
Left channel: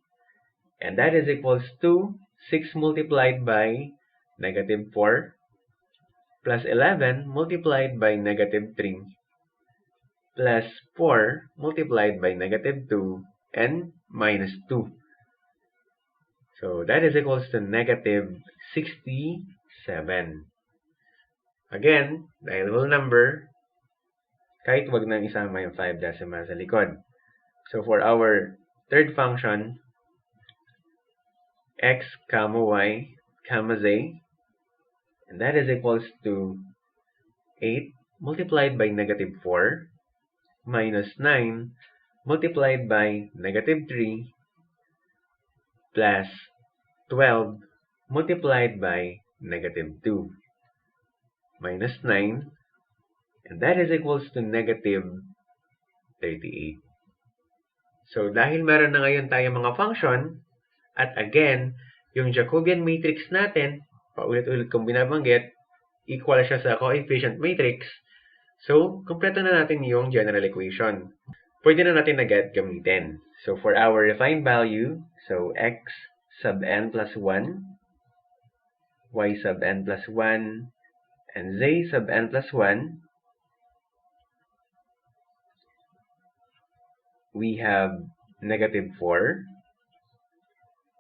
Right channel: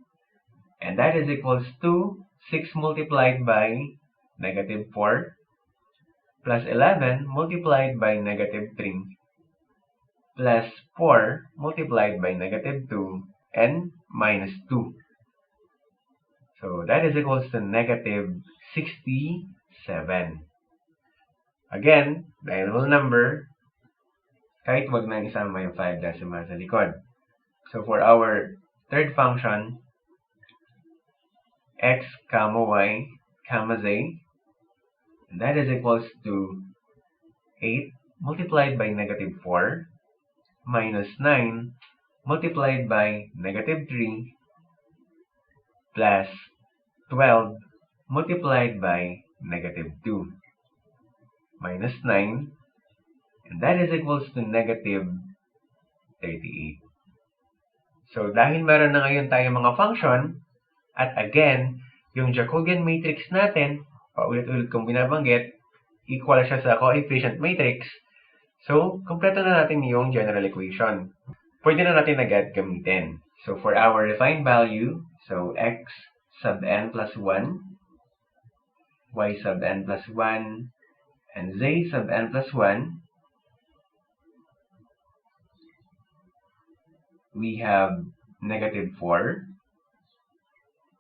And that is equals to 6 multiplied by negative 4 plus 11 multiplied by negative 3 plus 4 multiplied by negative 2 and minus 2. So, that is equals to negative 67. Again, dahil whole number, kahit wag nang isama yung 5 decimal sa likod. So, for our third function, x comma y comma z, and that is equals to 8 multiplied by negative 4 minus 9 multiplied by negative 3 plus 12 multiplied by negative 2 minus 9, and that is equals to negative 38. So, dahil meron na ngayon tayong mga function, at again, yung Jacobian matrix natin, paulit-ulit kong binabanggit, equal siya sa coefficient matrix. So, kumpleto na natin yung general equation. Pwede na natin agad gamitin. So, for our refined value, so x sub n plus 1, y sub n plus 1, and z sub n plus 1, we have negative 4,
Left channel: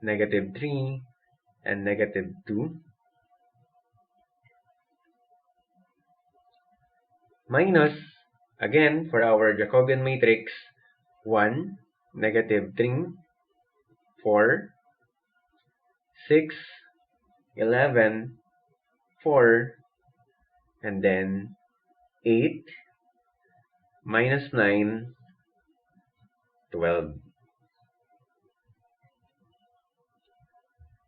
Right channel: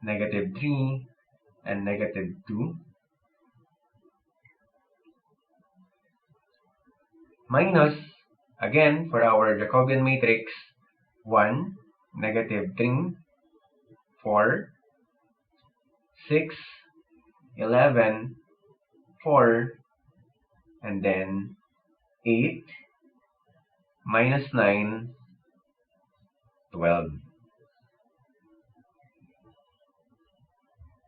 negative 3, and negative 2, minus, again, for our Jacobian matrix, 1, negative 3, 4, 6, 11, 4, and then 8, minus 9, 12.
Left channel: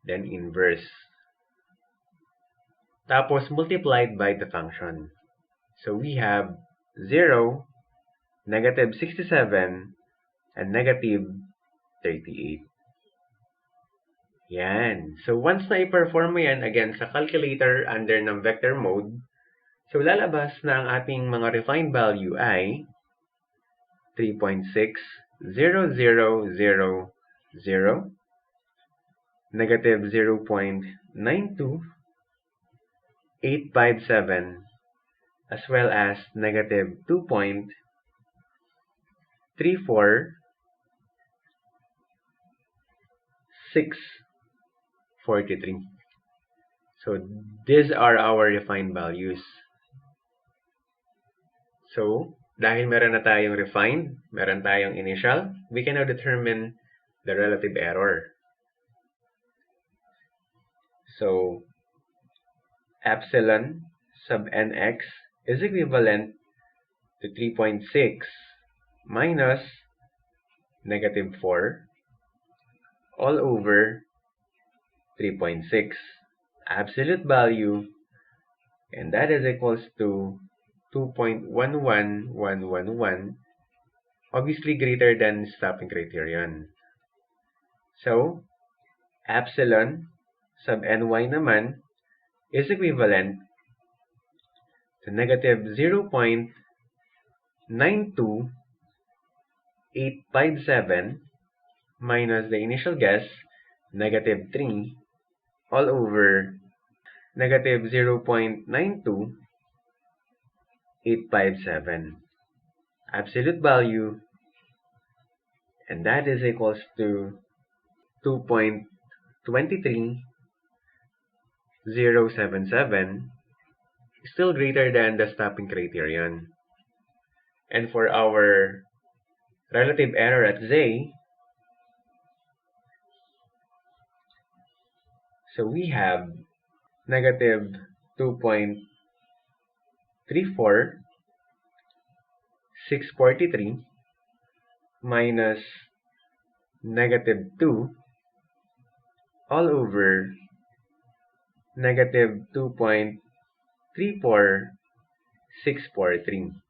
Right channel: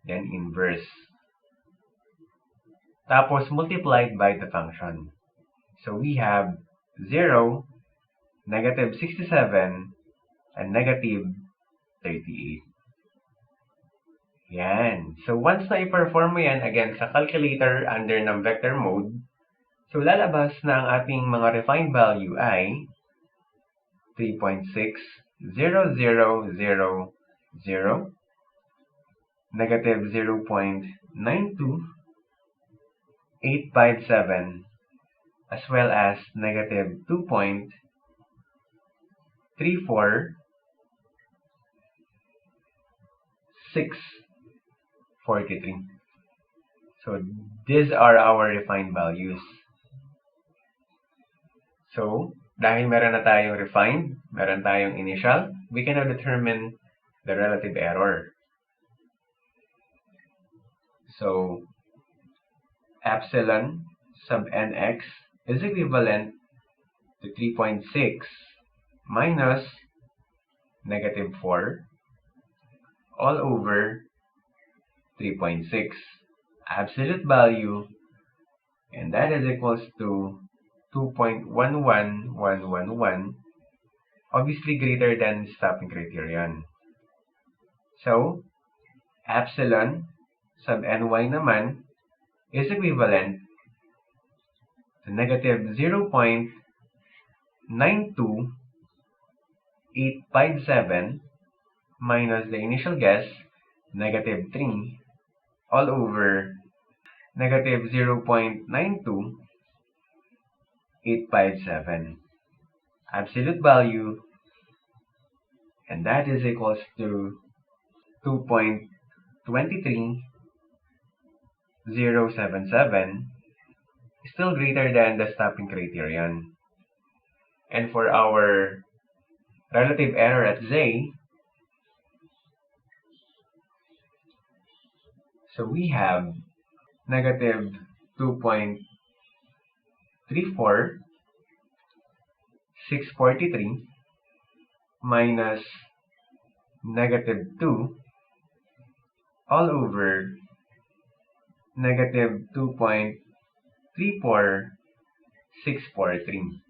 Then inverse. Tapos multiplied by the function. So we have 0, negative 67, and negative 38. Yan. So once na i-perform mo yan, again, sa calculator under ng vector mode, so lalabas na ang ating mga refined value ay 3.60000, negative 0.92857, as well as negative 2.34643. So these are our refined values. So dahil meron na tayong refined, meron tayong initial, we can now determine the relative error. So epsilon sub nx is equivalent to 3.6 minus negative 4 all over 3.6 absolute value, and that is equals to 2.11111, obviously greater than stopping criterion. So epsilon sub ny naman is equivalent to negative 0.92857 minus the initial guess, negative 3, all over negative 0.92857 absolute value, and that is equals to 2.23077, still greater than the stopping criterion. And for our relative error at z, so we have negative 2.34643 minus negative 2 all over negative 2.34643,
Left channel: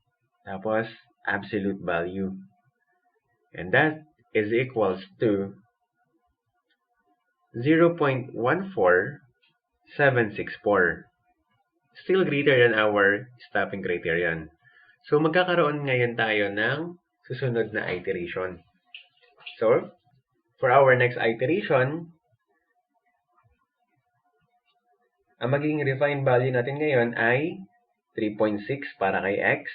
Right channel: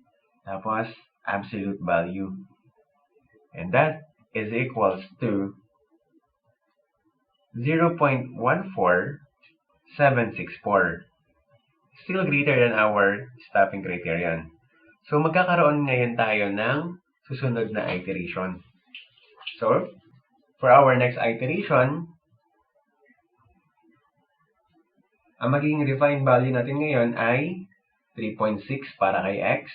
tapos absolute value, and that is equals to 0.14764, still greater than our stopping criterion. So magkakaroon ngayon tayo ng susunod na iteration. So for our next iteration, ang magiging refined value natin ngayon ay 3.6 para kay x,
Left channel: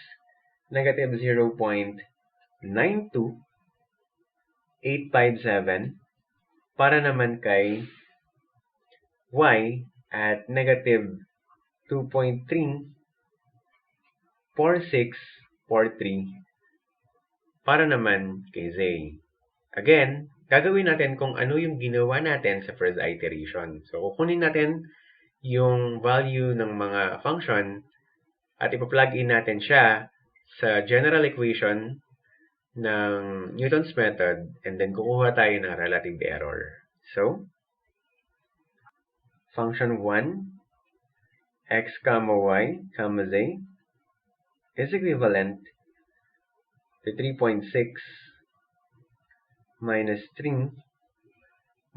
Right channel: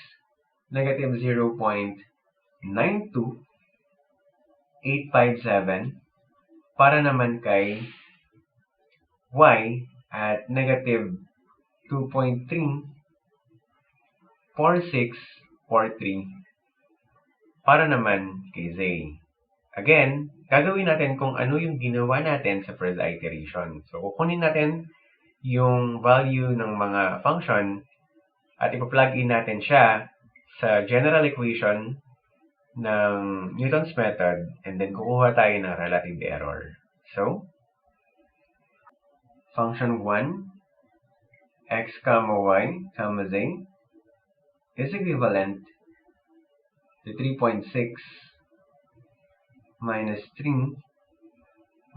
negative 0.92857 para naman kay y, at negative 2.34643 para naman kay z. Again, gagawin natin kung ano yung ginawa natin sa first iteration. So kukunin natin yung value ng mga function at ipa-plug in natin siya sa general equation ng Newton's method, and then kukuha tayo ng relative error. So function 1 x comma y comma z is equivalent to 3.6 minus 3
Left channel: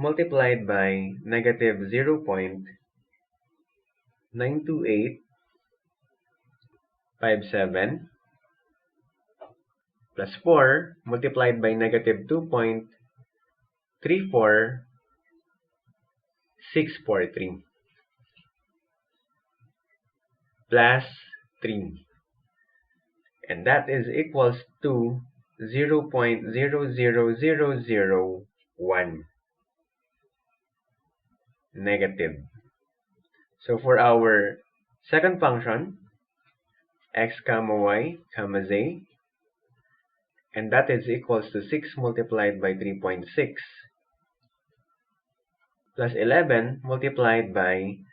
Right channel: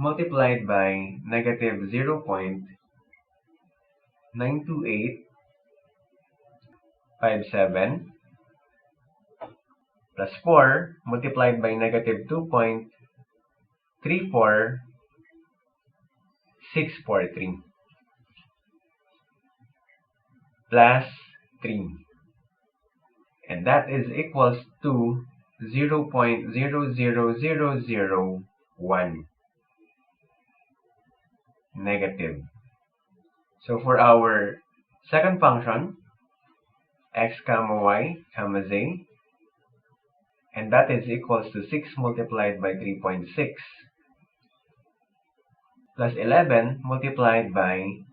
multiplied by negative 0.92857 plus 4 multiplied by negative 2.34643 plus 3, and that is equals to 0.00001 negative. So for our second function, x comma y comma z, and that is equals to 6 multiplied by 3.6 plus 11 multiplied by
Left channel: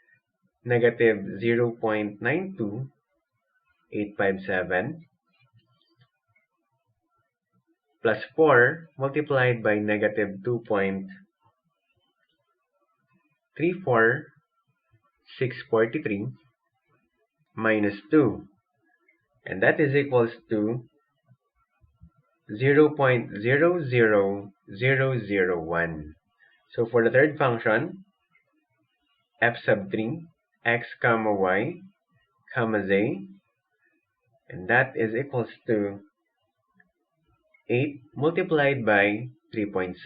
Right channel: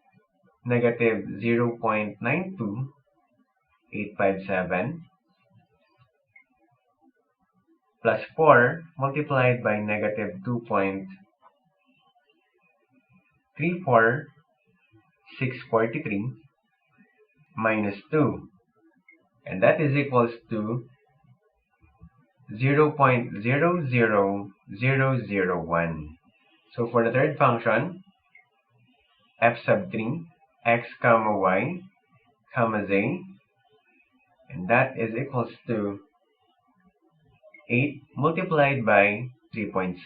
negative 0.92857 plus 4 multiplied by negative 2.34643 minus 2, and that is equals to 0.00001. So for the third function, f sub 3 x comma y comma z, and that is equals to 8 multiplied by 3.6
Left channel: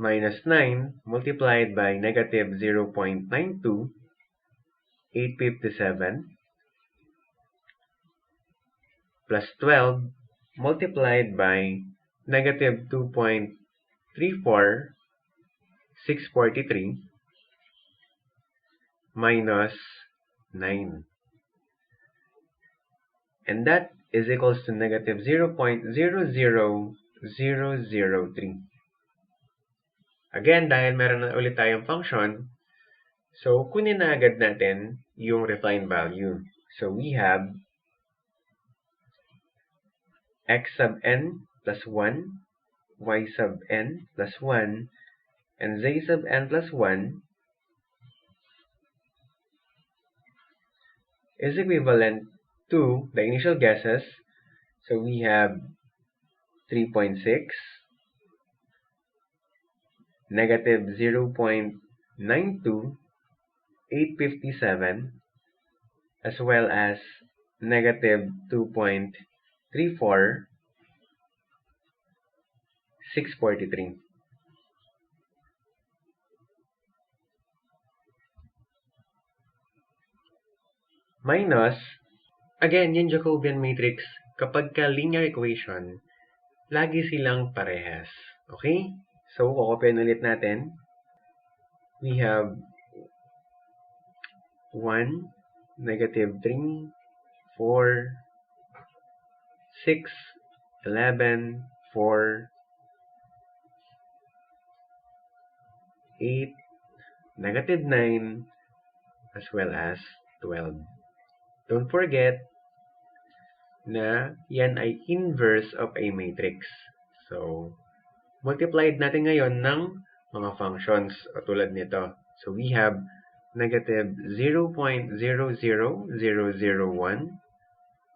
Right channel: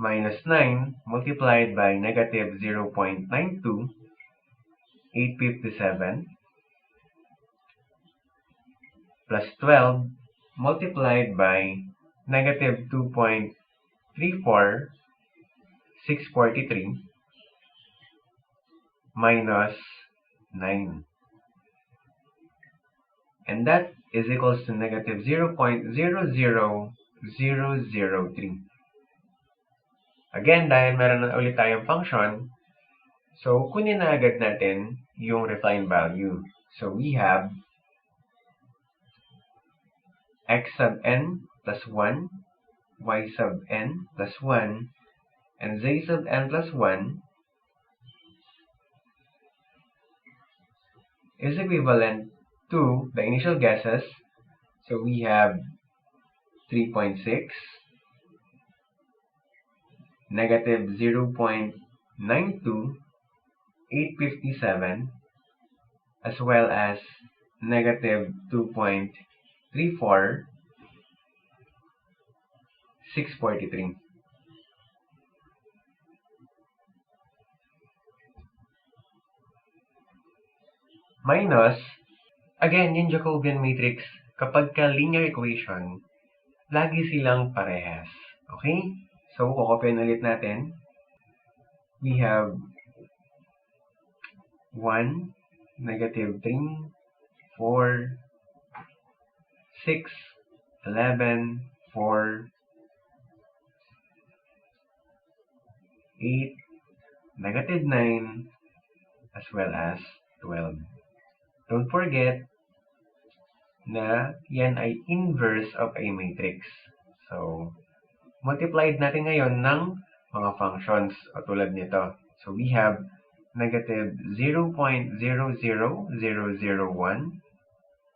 minus 9 multiplied by negative 0.92857 plus 12 multiplied by negative 2.34643 minus 9. And that is equals to negative 0.00003. Again, dahil meron na ulit tayong function, so kunin na agad natin yung refined value. So we have x sub n plus 1, y sub n plus 1, and z sub n plus 1 is equivalent to the initial guesses. So we have 3.6, negative 0.92857, as well as negative 2.34643. Minus, again, yung Jacobian matrix, kapag ka linear equation, lagi silang parehas. Okay? So, kukopyahin ulit natin. We have 1, negative 3, 4, 6, 11, 4, 8, negative 9, as well as 12. Don't forget na yan ay inverse of a matrix. So, multiplied natin ngayon ng mga functions tulad nito. So, we have negative 0.00001,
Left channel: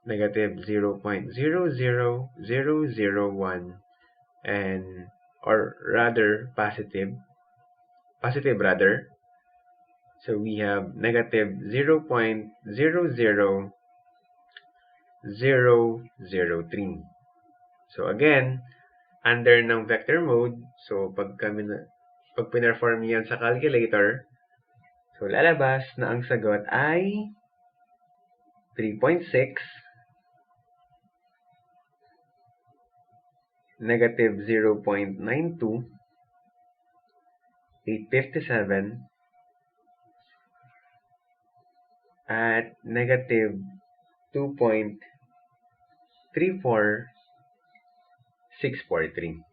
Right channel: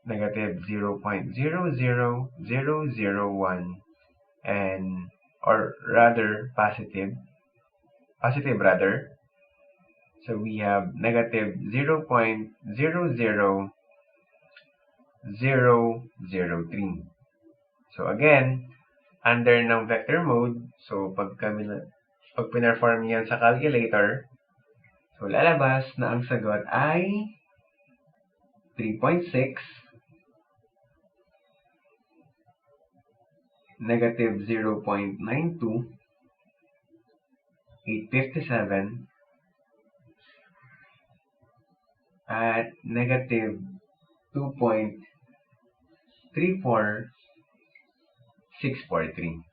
negative 0.00001, and, or rather, positive rather. So, we have negative 0.00003. So, again, under ng vector mode, so pag pinerform yan sa calculator, so lalabas na ang sagot ay 3.6, negative 0.92857, at negative 2.34643,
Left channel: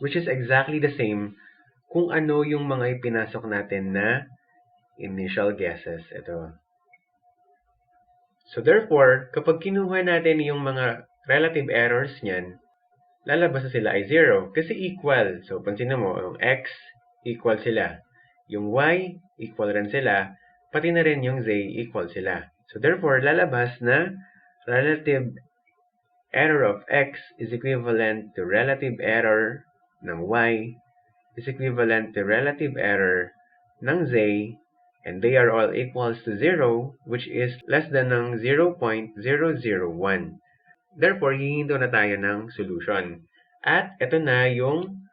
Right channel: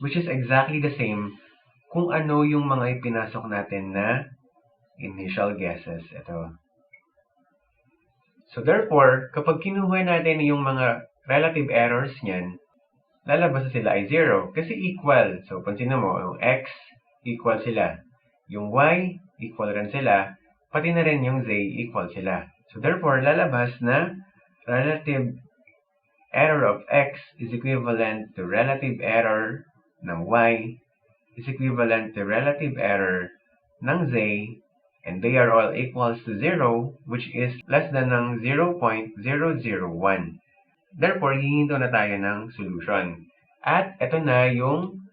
which is exactly the same kung ano yung mga ipinasok natin na initial guesses. Ito. So therefore, kapag kinuha natin yung mga relative errors niyan, lalabas na sila ay 0 kasi equal. So pansin mo, yung x equal sila. Yung y equal rin sila. Pati na rin yung z equal sila. So therefore, lalabas na relative error of x is equivalent to relative error ng y is equivalent to relative error ng z, and they are all equals to 0, which is less than ng 0.001. Therefore, hihinto na tayo ng solution. At ito na yung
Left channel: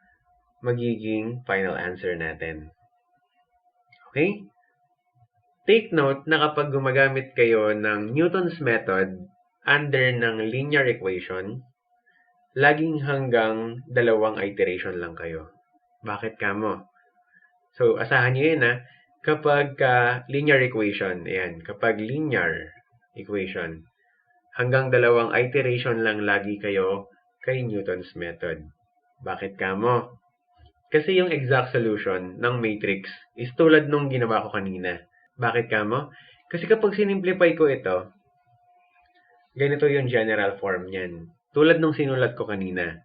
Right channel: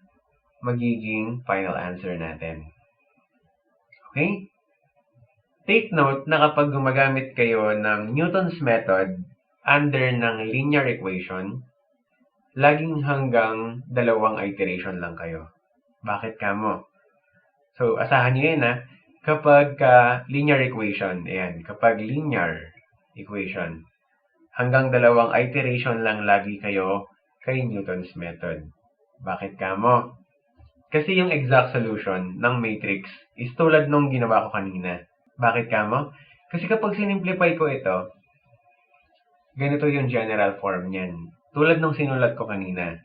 magiging final answer natin. Okay? Take note na kapag gumagamit kayo ng Newton's method under ng linear equation, laging hanggang dalawang iteration lang kayo. Bakit kamo? So, asahan nyo yan kapag linear equation, ayan, kapag linear equation, hanggang dalawang iteration lang lagi kayo kay Newton's method. Bakit kamo? Kasi yung exact solution ng matrix is tulad nung ginawa ko kanina. Bakit kamo? Kasi kapag sinimplify ko ito, ganito yung general form niyan. Tulad nung sinulat ko kanina.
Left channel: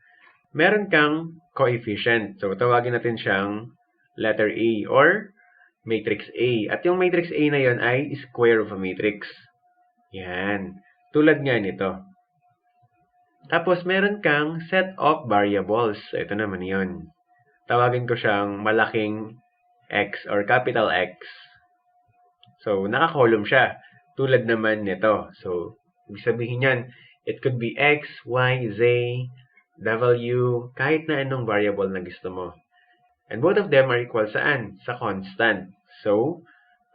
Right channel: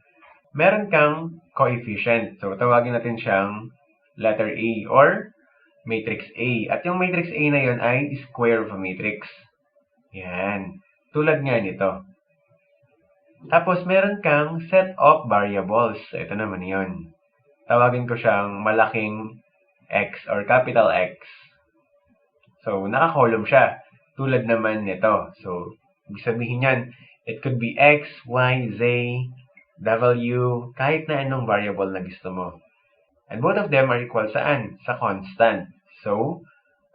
Meron kang coefficient. So, tawagin natin siyang letter A or matrix A. At yung matrix A na yon ay square of a matrix. Yan. Tulad nga nito. Tapos, meron kang set of variables. So, ito naman yon. Tawagin ko siyang malaking X or capital X. So, naka-column siya. Tulad naman nito. So, ibig sabihin yan, it could be X, Y, Z, W, kahit na anong variable na gusto mo. And both of them are equal saan? Sa constant. So,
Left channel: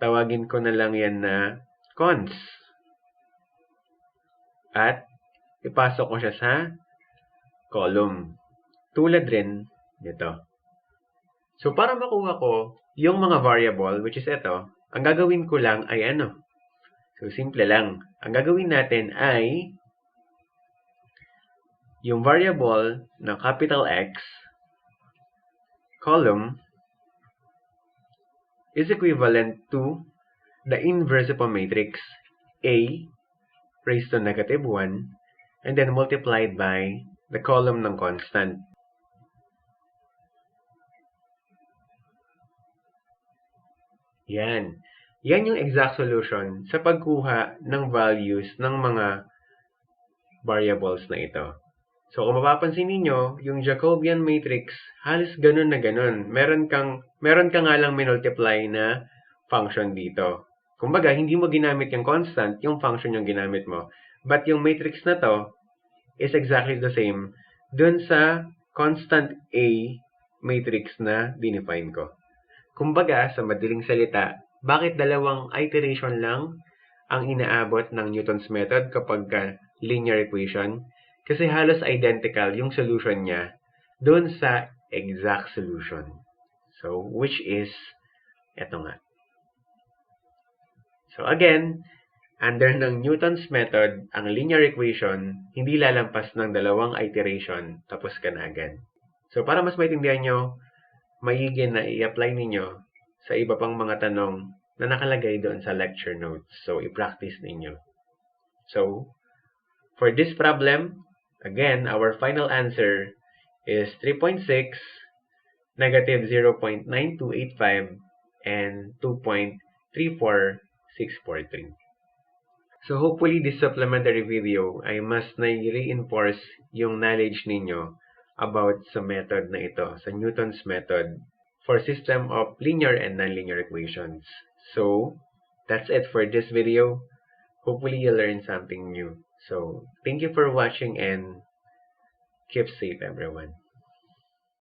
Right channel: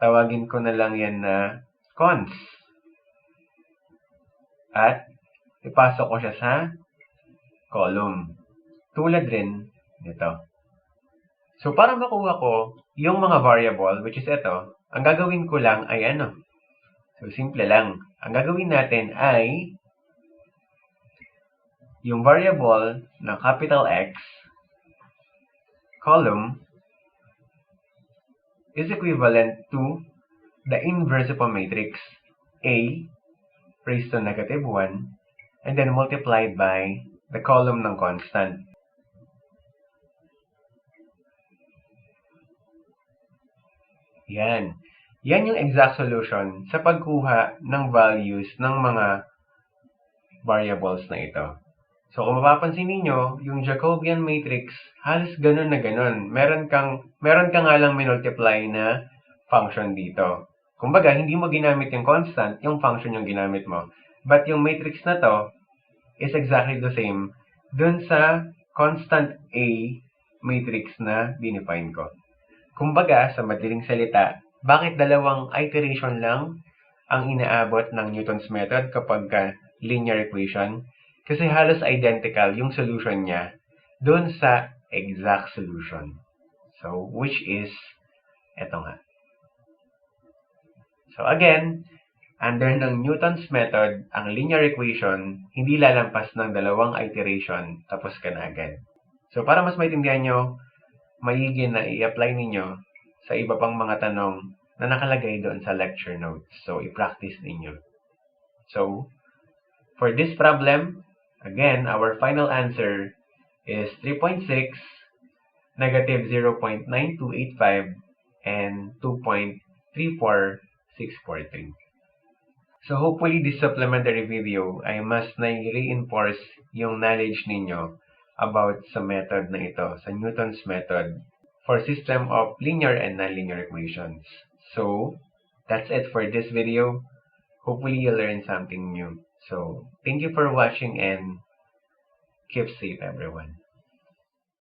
tawagin ko na lang yan na cons. At ipasok ko siya sa column. Tulad rin nito. So, para makuha ko yung mga variable, which is ito, ang gagawin ko lang ay ano? So, simple lang. Ang gagawin natin ay yung variable na capital X column is equivalent to the inverse of a matrix A raised to negative 1 and then multiplied by the column ng constant. Yan. Yan yung exact solution sa pagkuha ng values ng mga variables na ito. So, kung mapapansin ninyo, yung Jacobian matrix, halos ganun na ganun. Meron ka nga lang minultiply na function dito. Kumbaga, hindi mo ginamit yung constant, yung function yung ginamit mo. But yung matrix na to is exactly the same dun sa constant A matrix na dinefine ko. Kumbaga, sa madaling salita, bakit dalawang iteration lang ang inaabot ng Newton's method kapag linear equation? Kasi halos identical yung solution niya dun sa exact solution. So, which is, eto nga. So, again, under ng Newton's method, ang linear equation, hindi lalampas ng dalawang iteration, tapos ka na agad. So, para mas maintindihan nyo, maigi na i-apply ninyo sa iba pang mga tanong na nakalagay doon sa lecture notes. So, i-practice ninyo. So, for this problem, again, our final answer is 3.6, negative 0.9285, and 2.34643. So, hopefully, this supplementary video ay mas na-reinforce yung knowledge ninyo about sa method na ito, sa Newton's method for system of linear and nonlinear equations. So, that's it for this video. Hopefully, you learned something new. So, thank you for watching and keep safe, everyone.